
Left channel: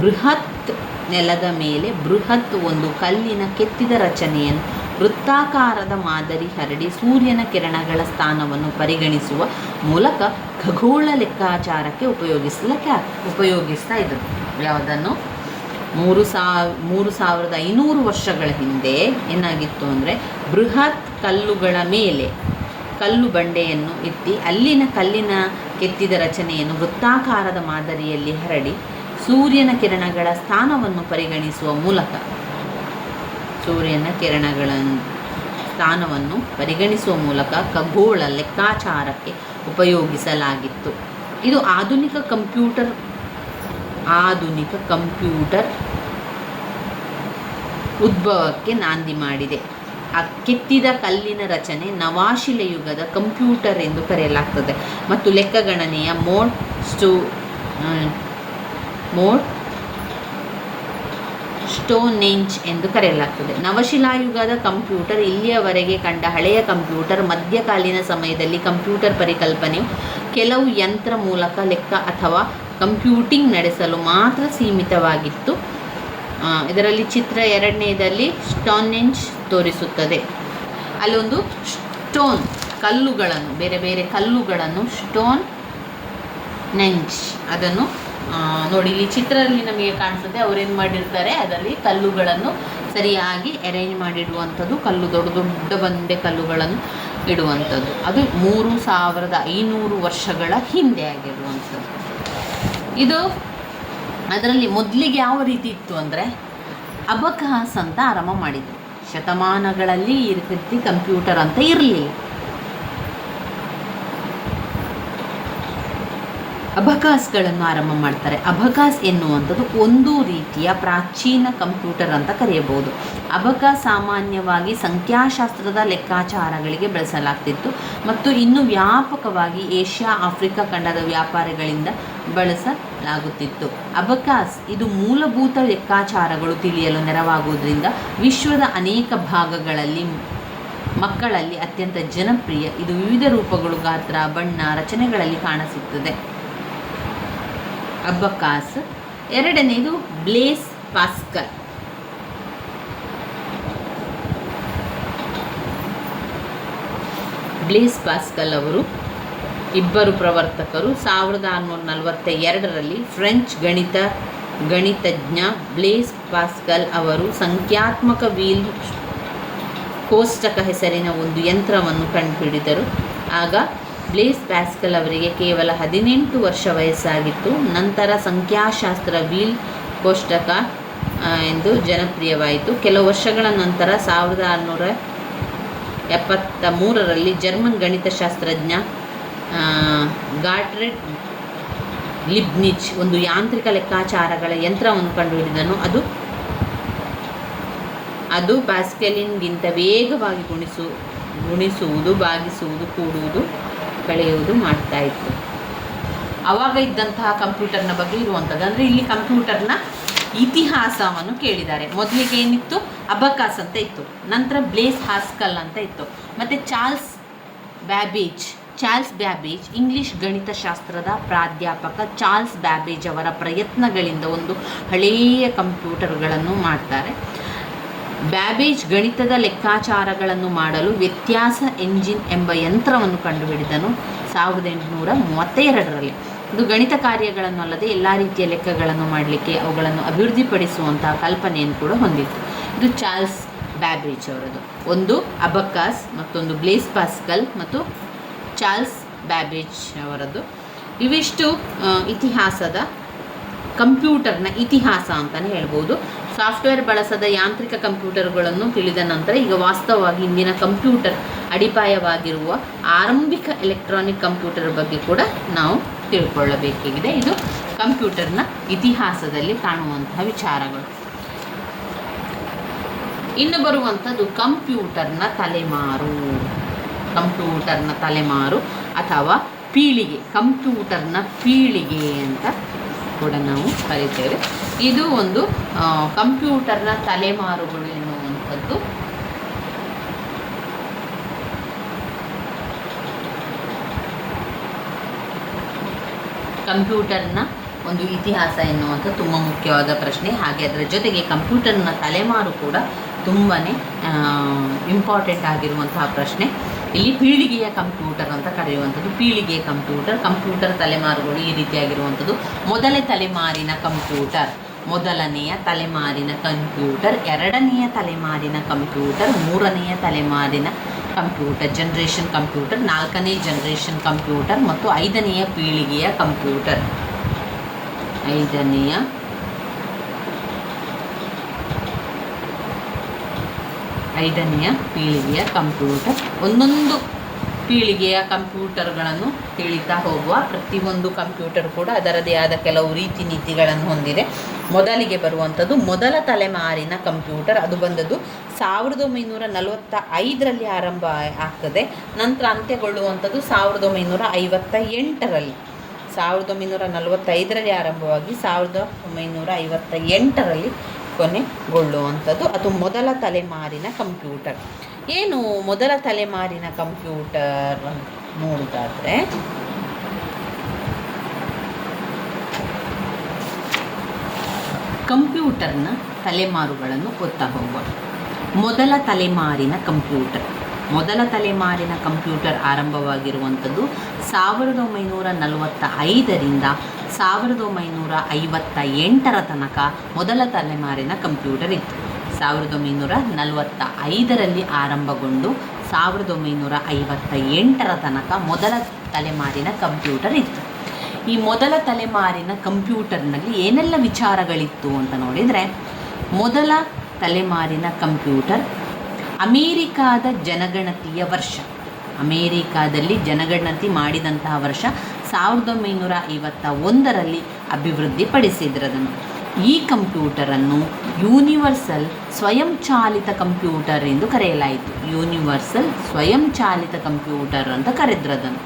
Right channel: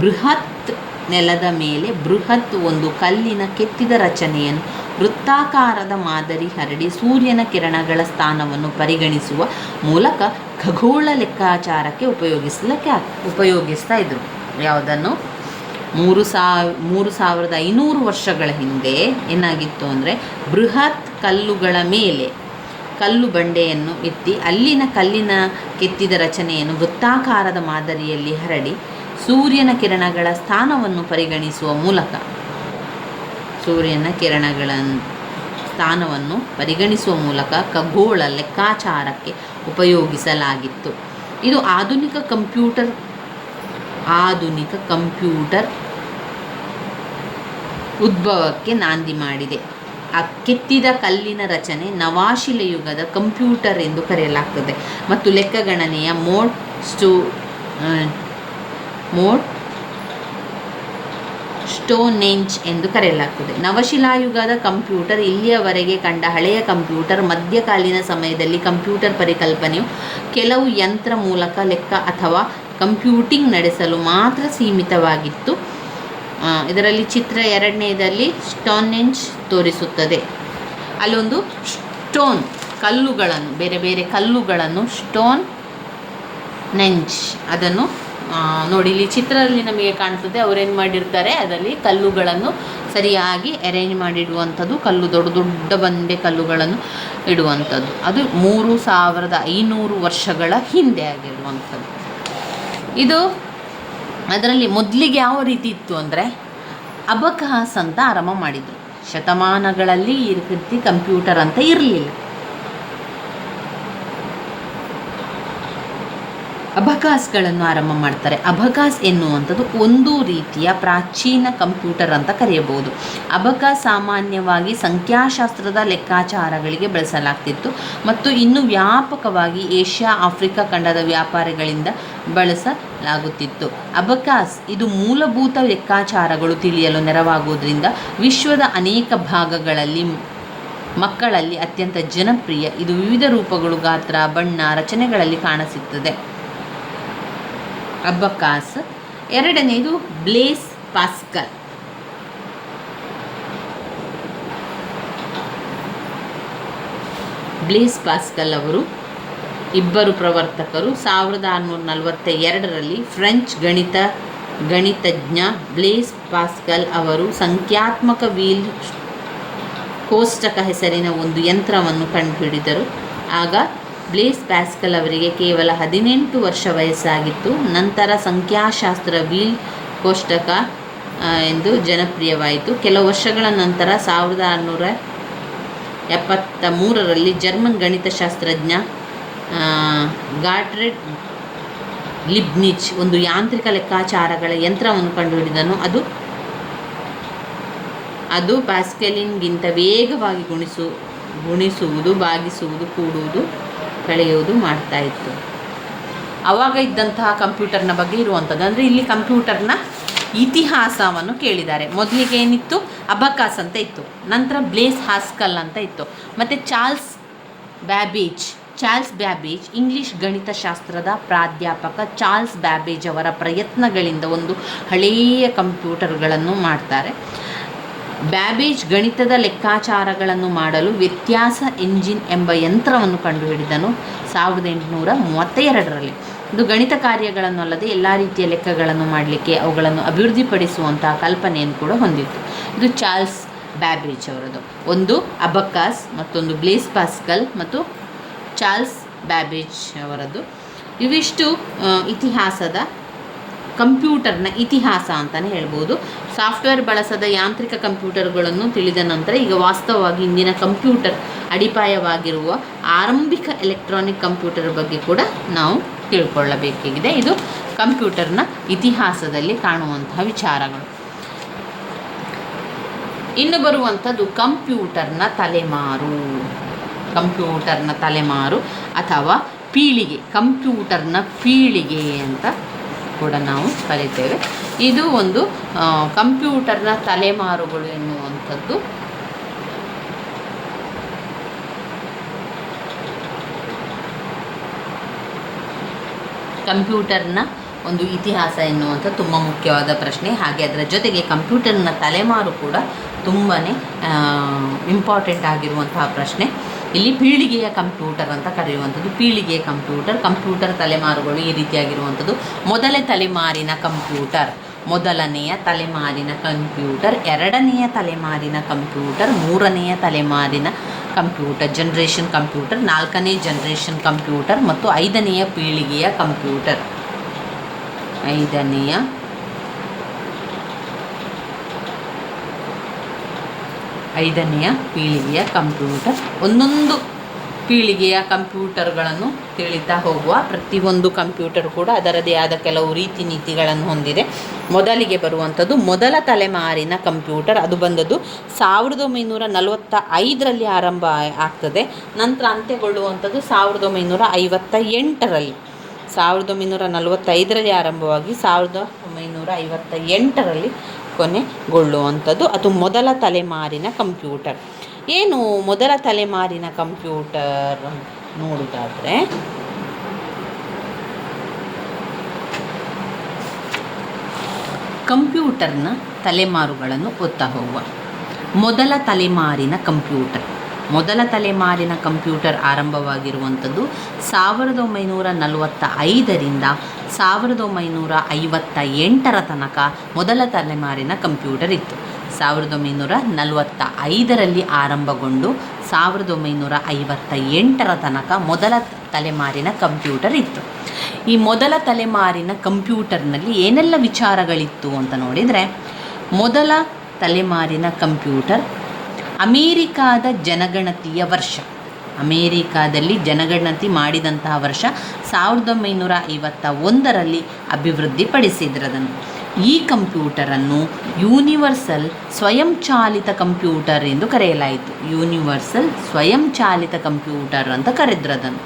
ಬೃಹತ್ ನೆಲದ ಮೇಲೆ ಬೃಹತ್ ಒಂದು ಕಲ್ಲಿನ ಕೆತ್ತಿದ ರಚನೆಯನ್ನು ವೃತ್ತಾಕಾರದ ಮಾದರಿ ಹರಡಿ ಸೂರ್ಯನ ಕಿರಣಗಳ ಸ್ಥಾನವನ್ನು ಪರಿಗಣಿಸುವ ಮೂಲಕ ಖಗೋಳ ಲೆಕ್ಕಾಚಾರಕ್ಕೆ ಉಪಯೋಗಿಸ್ತಾ ಇದ್ದರು. ಯಾವುದನ್ನು? 3500 ವರ್ಷಗಳ ಹಿಂದೆ ಏನಾಗಿತ್ತು ಅಂದರೆ ಬೃಹತ್ ಕಲ್ಲುಗಳ ಮೇಲೆ ಕಲ್ಲು ಬಂಡೆಯನ್ನು ಎತ್ತಿ ಅಲ್ಲಿನ ಕಲ್ಲಿನ ಕೆತ್ತಿದ ರಚನೆಯನ್ನು ವೃತ್ತಾಕಾರದ ಮಾದರಿಯಲ್ಲಿ ಹರಡಿ ಸೂರ್ಯನ ಕಿರಣಗಳ ಸ್ಥಾನವನ್ನು ಪರಿಗಣಿಸುವ ಮೂಲಕ ಖಗೋಳ ಲೆಕ್ಕಾಚಾರಕ್ಕೆ ಉಪಯೋಗಿಸಲಾಗಿತ್ತು. ಇದು ಆಧುನಿಕ ಕಂಪ್ಯೂಟರ್ ಉದ್ಭವಕ್ಕೆ ನಾಂದಿ ಮಾಡಿದೆ. ಆ ಕೆತ್ತಿದ ಕಲ್ಲಿನ ರಚನೆ ನವಾಶಿಲೆಯುಗದ ಕಂಪ್ಯೂಟರ್ ಎಂದು ಕರೆಯಲಾಗ್ತದೆ ಮತ್ತು ಲೆಕ್ಕಗಣನೆಯ ಸ್ಟೋನ್ಹೆಂಜ್ ಎಂದು ಕರೆಯಲಾಗ್ತದೆ. ನವಶಿಲಾಯುಗದ ಕಂಪ್ಯೂಟರ್ ಇಲ್ಲಿಯವರೆಗೆ ಕಂಡ ಹಳೆಯ ಕಂಪ್ಯೂಟರ್. ಮಧ್ಯಕಾಲೀನ ಸಮಯದಲ್ಲಿ ಕಂಪ್ಯೂಟರ್ ಪರಿಕಲ್ಪನೆಯು ಕೆಲವು ಯಂತ್ರ ಮೂಲಕ ಲೆಕ್ಕ ಅಥವಾ ಕಂಪ್ಯೂಟಿಂಗ್ ನಡೆಸಲು ಮಾತ್ರ ಸೀಮಿತವಾಗಿತ್ತು. ಇದರಲ್ಲಿ ಚಿತ್ರ 2ನೇದಲ್ಲಿ ಸ್ಟೋನ್ಹೆಂಜ್ ತೋರಿಸುತ್ತದೆ. ಅಲ್ಲೊಂದು ಸ್ಟೋನ್ ಕಲ್ಲುಗಳನ್ನು, ಬೇರೆ ಬೇರೆ ಕಲ್ಲುಗಳನ್ನು ಸ್ಟೋನ್ಹೆಂಜ್ ಅದನ್ನು ನೋಡಿ, ಇಲ್ಲಿ ಚಿತ್ರದಲ್ಲಿ ನಮಗೆ ಕಾಣಿಸುತ್ತೆ. ಅವರೇನು ಮಾಡಿರ್ತಾರೆ, ಅದರಲ್ಲಿ ಕಲ್ಲುಗಳನ್ನು ಸರಿಯಾಗಿ ಅರೇಂಜ್ ಮಾಡಿಡುವಂಥದ್ದು, ಕಲ್ಲು ದೊಡ್ಡ ದೊಡ್ಡ ಬಂಡೆ ಕಲ್ಲುಗಳನ್ನು ಇಡುವಂಥದ್ದು. ಅದು 3500 ವರ್ಷಗಳ ಹಿಂದೆ ಆಗಿರುವಂಥದ್ದು. ಇದು ಅದರಲ್ಲಿ ಮೊದಲಿಗೆ ಯಾವ ರೀತಿ ಇತ್ತು ಅಂದರೆ ಅಬಕಾಸ್ ಅಂತ ಆರಂಭ ಮಾಡಿದ್ದು. ಶತಮಾನಗಳಲ್ಲಿ ಈ ರೀತಿ ಕಂಪ್ಯೂಟರ್ ಅಂತ ಇರಲಿಲ್ಲ. ಅಬಕಾಸ್ಗಳನ್ನು ಆರಂಭ ಮಾಡ್ತಾರೆ. ಅಬಕಾಸ್ ಎನ್ನುವಂಥದ್ದು ಒಂದು ರೀತಿಯ ಪ್ರಾಚೀನ ಕಂಪ್ಯೂಟರ್ ಅಂತ ಕರೆಯಬಹುದು. ಅಬಕಾಸ್ ಸಾಮಾನ್ಯವಾಗಿ ಸಂಖ್ಯಾಶಾಸ್ತ್ರದ ಲೆಕ್ಕಾಚಾರಗಳಿಗೆ ಬಳಸಲಾಗ್ತಿತ್ತು ಮತ್ತು ಇನ್ನು ವ್ಯಾಪಕವಾಗಿ ಏಷ್ಯಾ ಆಫ್ರಿಕಾ ಖಂಡದ ವ್ಯಾಪಾರಿಗಳಿಂದ ಬಳಸಲಾಗುತ್ತಿತ್ತು. ಅಬಕಾಸ್ ಇದು ಮೂಲಭೂತ ಲೆಕ್ಕಾಚಾರಗಳು ತಿಳಿಯಲು ನೆರವಾಗುವುದರಿಂದ ವಿಶ್ವದ ಅನೇಕ ಭಾಗಗಳಲ್ಲಿ ಮಕ್ಕಳಲ್ಲಿ ಅತ್ಯಂತ ಜನಪ್ರಿಯ. ಇದು ವಿವಿಧ ರೂಪಗಳು, ಗಾತ್ರ, ಬಣ್ಣ, ರಚನೆಗಳಲ್ಲಿ ಕಾಣಸಿಗ್ತದೆ. ಅಬಕಾಸ್. 2ನೇದು ಬ್ಲೇಸ್ ಪಾಸ್ಕಲ್. ಬ್ಲೇಸ್ ಪಾಸ್ಕಲ್ ಅವರು ಇಬ್ಬರು ಪ್ರವರ್ತಕರು. 1642ರಲ್ಲಿ ಫ್ರೆಂಚ್ ಗಣಿತಜ್ಞ ಬ್ಲೇಸ್ ಪಾಸ್ಕಲ್ ಅವರು ಸಂಖ್ಯಾತ್ಮಕ ವೀಲ್ ಕೋಷ್ಟಕ ಹೆಸರಿನ ಒಂದು ಯಂತ್ರವನ್ನು ಕಂಡುಹಿಡಿದರು. ಆಗ ಬ್ಲೇಸ್ ಪಾಸ್ಕಲ್ ಅವರಿಗೆ ಕೇವಲ 18 ವರ್ಷ ವಯಸ್ಸಾಗಿತ್ತು. ನಂತರ ಸಂಖ್ಯಾಶಾಸ್ತ್ರ ವೀಲ್ ಕೋಷ್ಟಕ ಎಂದು ಜನಪ್ರಿಯವಾಯಿತು. ಕೆಲವು ವರ್ಷಗಳ ನಂತರ 1673ರಲ್ಲಿ ಜರ್ಮನ್ ಗಣಿತಶಾಸ್ತ್ರಜ್ಞ ಗಾಟ್ರೆಡ್ ಲಿಬ್ನಿಚ್ ಒಂದು ಯಾಂತ್ರಿಕ ಲೆಕ್ಕಾಚಾರಗಳ ಯಂತ್ರವನ್ನು ಕಂಡುಹಿಡಿದನು. ಅದು ಪ್ಯಾಸ್ಕಲಿನ್ಗಿಂತ ವೇಗವಾಗಿ ಗುಣಿಸುವುದು, ಭಾಗಿಸುವುದು, ಕೂಡುವುದು, ಕಳೆಯುವುದು ಮಾಡ್ತಾ ಇತ್ತು. ಆವಾಗ ಇದ್ದಂತಹ ಕಂಪ್ಯೂಟರ್ನ ಬಗ್ಗೆ ಇರುವಂಥದ್ದು. ಅಂದರೆ ಇಲ್ಲಿ ಕಂಪ್ಯೂಟರ್ನ ಇತಿಹಾಸವನ್ನು ಕೇಳಿದ್ದಾರೆ. ಮೊದಲಿಗೆ ಏನಿತ್ತು, ಅಬಕಾಸ್ ಅಂತ ಇತ್ತು. ನಂತರ ಬ್ಲೇಸ್ ಪಾಸ್ಕಲ್ ಅಂತ ಇತ್ತು. ಮತ್ತು ಚಾರ್ಲ್ಸ್ ಬ್ಯಾಬೇಜ್ ಇಂಗ್ಲಿಷ್ ಗಣಿತಶಾಸ್ತ್ರದ ಪ್ರಾಧ್ಯಾಪಕ ಚಾರ್ಲ್ಸ್ ಬ್ಯಾಬೇಜ್ ಅವರ ಪ್ರಯತ್ನಗಳಿಂದ ಒಂದು ಹಳೆಯ ಕಂಪ್ಯೂಟರ್ಗಳನ್ನು ಮಾಡ್ತಾರೆ. ಬ್ಯಾಬೇಜ್ ಗಣಿತದ ಲೆಕ್ಕಾಚಾರಗಳನ್ನು ಮಾಡಲು ವ್ಯತ್ಯಾಸ ಎಂಜಿನ್ ಎಂಬ ಯಂತ್ರವನ್ನು ಕಂಡುಹಿಡಿದನು 1832ರಲ್ಲಿ. ಇದು ಗಣಿತ ಕಾರ್ಯಗಳನ್ನಲ್ಲದೆ ಎಲ್ಲ ರೀತಿಯ ಲೆಕ್ಕಗಳನ್ನು ಮಾಡಲಿಕ್ಕೆ ಅವುಗಳನ್ನು ಅಭಿವೃದ್ಧಿಪಡಿಸುವಂತಹ ಕಲ್ಪನೆಯನ್ನು ಕೂಡ ಹೊಂದಿತ್ತು. ಇದು ಚಾರ್ಲ್ಸ್ ಬ್ಯಾಬೇಜ್ ಅವರದು. ಒಂದು ಅಬಕಾಸ್, ಮತ್ತೊಂದು ಬ್ಲೇಸ್ ಪಾಸ್ಕಲ್ ಮತ್ತು ಚಾರ್ಲ್ಸ್ ಬ್ಯಾಬೇಜ್ ಅವರದ್ದು. ಇವಿಷ್ಟು ಇತಿಹಾಸದ ಕಂಪ್ಯೂಟರ್ನ ಇತಿಹಾಸ ಅಂತಲೇ ಹೇಳ್ಬೋದು. ಸಾಫ್ಟ್ವೇರ್ ಬಳಸದ ಯಾಂತ್ರಿಕ ಕಂಪ್ಯೂಟರ್ಗಳನ್ನು ತಿಳಿದ ನಂತರ ಈಗ ವಾಸ್ತವವಾಗಿ ಇಂದಿನ ಕಂಪ್ಯೂಟರ್ ಅಡಿಪಾಯವಾಗಿರುವ ಆರಂಭಿಕ ಎಲೆಕ್ಟ್ರಾನಿಕ್ ಕಂಪ್ಯೂಟರ್ ಬಗ್ಗೆ ಕೂಡ ನಾವು ತಿಳ್ಕೊಳ್ಳಬೇಕಾಗಿದೆ. ಇದು ಕಂಪ್ಯೂಟರ್ನ ಇತಿಹಾಸದಲ್ಲಿ ಕಾಣುವಂತಹ ವಿಚಾರಗಳು. ಇನ್ನು ಬರುವಂಥದ್ದು ಕಂಪ್ಯೂಟರ್ನ ತಲೆಮಾರು ಅಥವಾ ಪೀಳಿಗೆ. ಕಂಪ್ಯೂಟರ್ನ ಪೀಳಿಗೆ ಅಂತ ಕೂಡ ನಾವು ಕರೀತೇವೆ. ಇದು ಒಂದು ಕಂಪ್ಯೂಟರ್ನ ತಲೆಮಾರುಗಳು ಎನ್ನುವಂಥದ್ದು ಕಂಪ್ಯೂಟರ್ನ ಒಂದು ಇತಿಹಾಸ ಎನ್ನುವಂಥ ತುಂಬ ಮುಖ್ಯವಾದ ಪ್ರಶ್ನೆ. ಹಾಗೆ ಅದರ ಜೊತೆಗೆ ಕಂಪ್ಯೂಟರ್ನ ತಲೆಮಾರು ಕೂಡ ತುಂಬಾ ಇಂಪಾರ್ಟೆಂಟ್ ಆಗಿರುವಂತಹ ಪ್ರಶ್ನೆ. ಇಲ್ಲಿ ಪೀಳಿಗೆಯ ಕಂಪ್ಯೂಟರ್ ಅಂತ ಕರೆಯುವಂಥದ್ದು. ಪೀಳಿಗೆಯ ಕಂಪ್ಯೂಟರ್ ತಲೆಮಾರುಗಳು ಈ ರೀತಿಯಾಗಿರುವಂಥದ್ದು. ಮೊದಲನೆಯ ತಲೆಮಾರಿನ ಕಂಪ್ಯೂಟರ್, 2ನೆಯ ತಲೆಮಾರಿನ ಕಂಪ್ಯೂಟರ್, 3ನೆಯ ತಲೆಮಾರಿನ ಕಂಪ್ಯೂಟರ್, ಜನರೇಷನ್ ಕಂಪ್ಯೂಟರ್, 4ನೇ ಜನರೇಷನ್ ಕಂಪ್ಯೂಟರ್ ಮತ್ತು 5ನೆಯ ಪೀಳಿಗೆಯ ಕಂಪ್ಯೂಟರ್. 5ನೆಯ ಪೀಳಿಗೆಯ ಕಂಪ್ಯೂಟರ್. ಒಂದೊಂದು ಪೀಳಿಗೆಯ ಕಂಪ್ಯೂಟರ್ಗಳನ್ನು ತಿಳಿತಾ ಹೋಗುವ. ಪ್ರತಿಯೊಂದು ಕಂಪ್ಯೂಟರ್ ಕೂಡ ಅದರದೇ ಆದ ಕೆಲವು ರೀತಿ ನೀತಿಗಳನ್ನು ಹೊಂದಿದೆ. ಮೊದಲಿಗೆ ಬರುವಂಥದ್ದು ಮೊದಲ ತಲೆಮಾರಿನ ಕಂಪ್ಯೂಟರ್. ಅದು ಬಂದದ್ದು 1945ರಲ್ಲಿ ಆರಂಭ ಆಗ್ತದೆ. ನಂತರ ಅಂತ್ಯಗೊಳ್ಳುವಂಥದ್ದು 1958ರಲ್ಲಿ. 1945ರಲ್ಲಿ ಆರಂಭವಾಗಿ 1958ರಲ್ಲಿ ಕೊನೆಗೊಳ್ಳುವಂಥದ್ದು. ಅದು ಮೊದಲ ತಲೆಮಾರಿನ ಕಂಪ್ಯೂಟರ್. ಏನು ಮೊದಲ ತಲೆಮಾರಿನ ಕಂಪ್ಯೂಟರ್ ನೋಡೋದಾದರೆ, ಕಂಪ್ಯೂಟರ್ನ ತಲೆಮಾರುಗಳನ್ನು ಓದ್ತಾ ಹೋಗುವ. ಮೊದಲ ತಲೆಮಾರಿನ ಕಂಪ್ಯೂಟರ್ ಆರಂಭವಾಗಿರುವಂಥದ್ದು 1945ರಿಂದ 1958 ತನಕ ಮೊದಲ ತಲೆಮಾರಿನ ಕಂಪ್ಯೂಟರ್ ಇತ್ತು. 1945ರಲ್ಲಿ ಆರಂಭಗೊಂಡು 1958 ತನಕ ಮೊದಲ ತಲೆಮಾರಿನ ಕಂಪ್ಯೂಟರ್ ಇತ್ತು. ಈ ಮೊದಲ ತಲೆಮಾರಿನ ಕಂಪ್ಯೂಟರ್ನಲ್ಲಿ ಏನೆಲ್ಲ ವಿಚಾರಗಳಿತ್ತು ಅಂತ ನೋಡಿದರೆ, ಮೊದಲ ತಲೆಮಾರಿನ ಕಂಪ್ಯೂಟರ್ ಅಮೇರಿಕಾದ ಜನಗಣತಿಯ ವರ್ಷ, ಅಮೇರಿಕಾದಲ್ಲಿ ಜನಗಣತಿ ಮಾಡಿದಂತಹ ವರ್ಷ 1951ರಲ್ಲಿ ಅಭಿವೃದ್ಧಿಪಡಿಸಿದ್ರದನ್ನು. ಈ ಕಂಪ್ಯೂಟರನ್ನು ಯೂನಿವರ್ಸಲ್ ಸ್ವಯಂಚಾಲಿತ ಕಂಪ್ಯೂಟರ್ ಎಂದು ಕರೆಯಲಾಯಿತು. ಯೂನಿವರ್ಸಲ್ ಸ್ವಯಂಚಾಲಿತ ಕಂಪ್ಯೂಟರ್ ಅಂತ ಕರೆದ್ರದನ್ನು.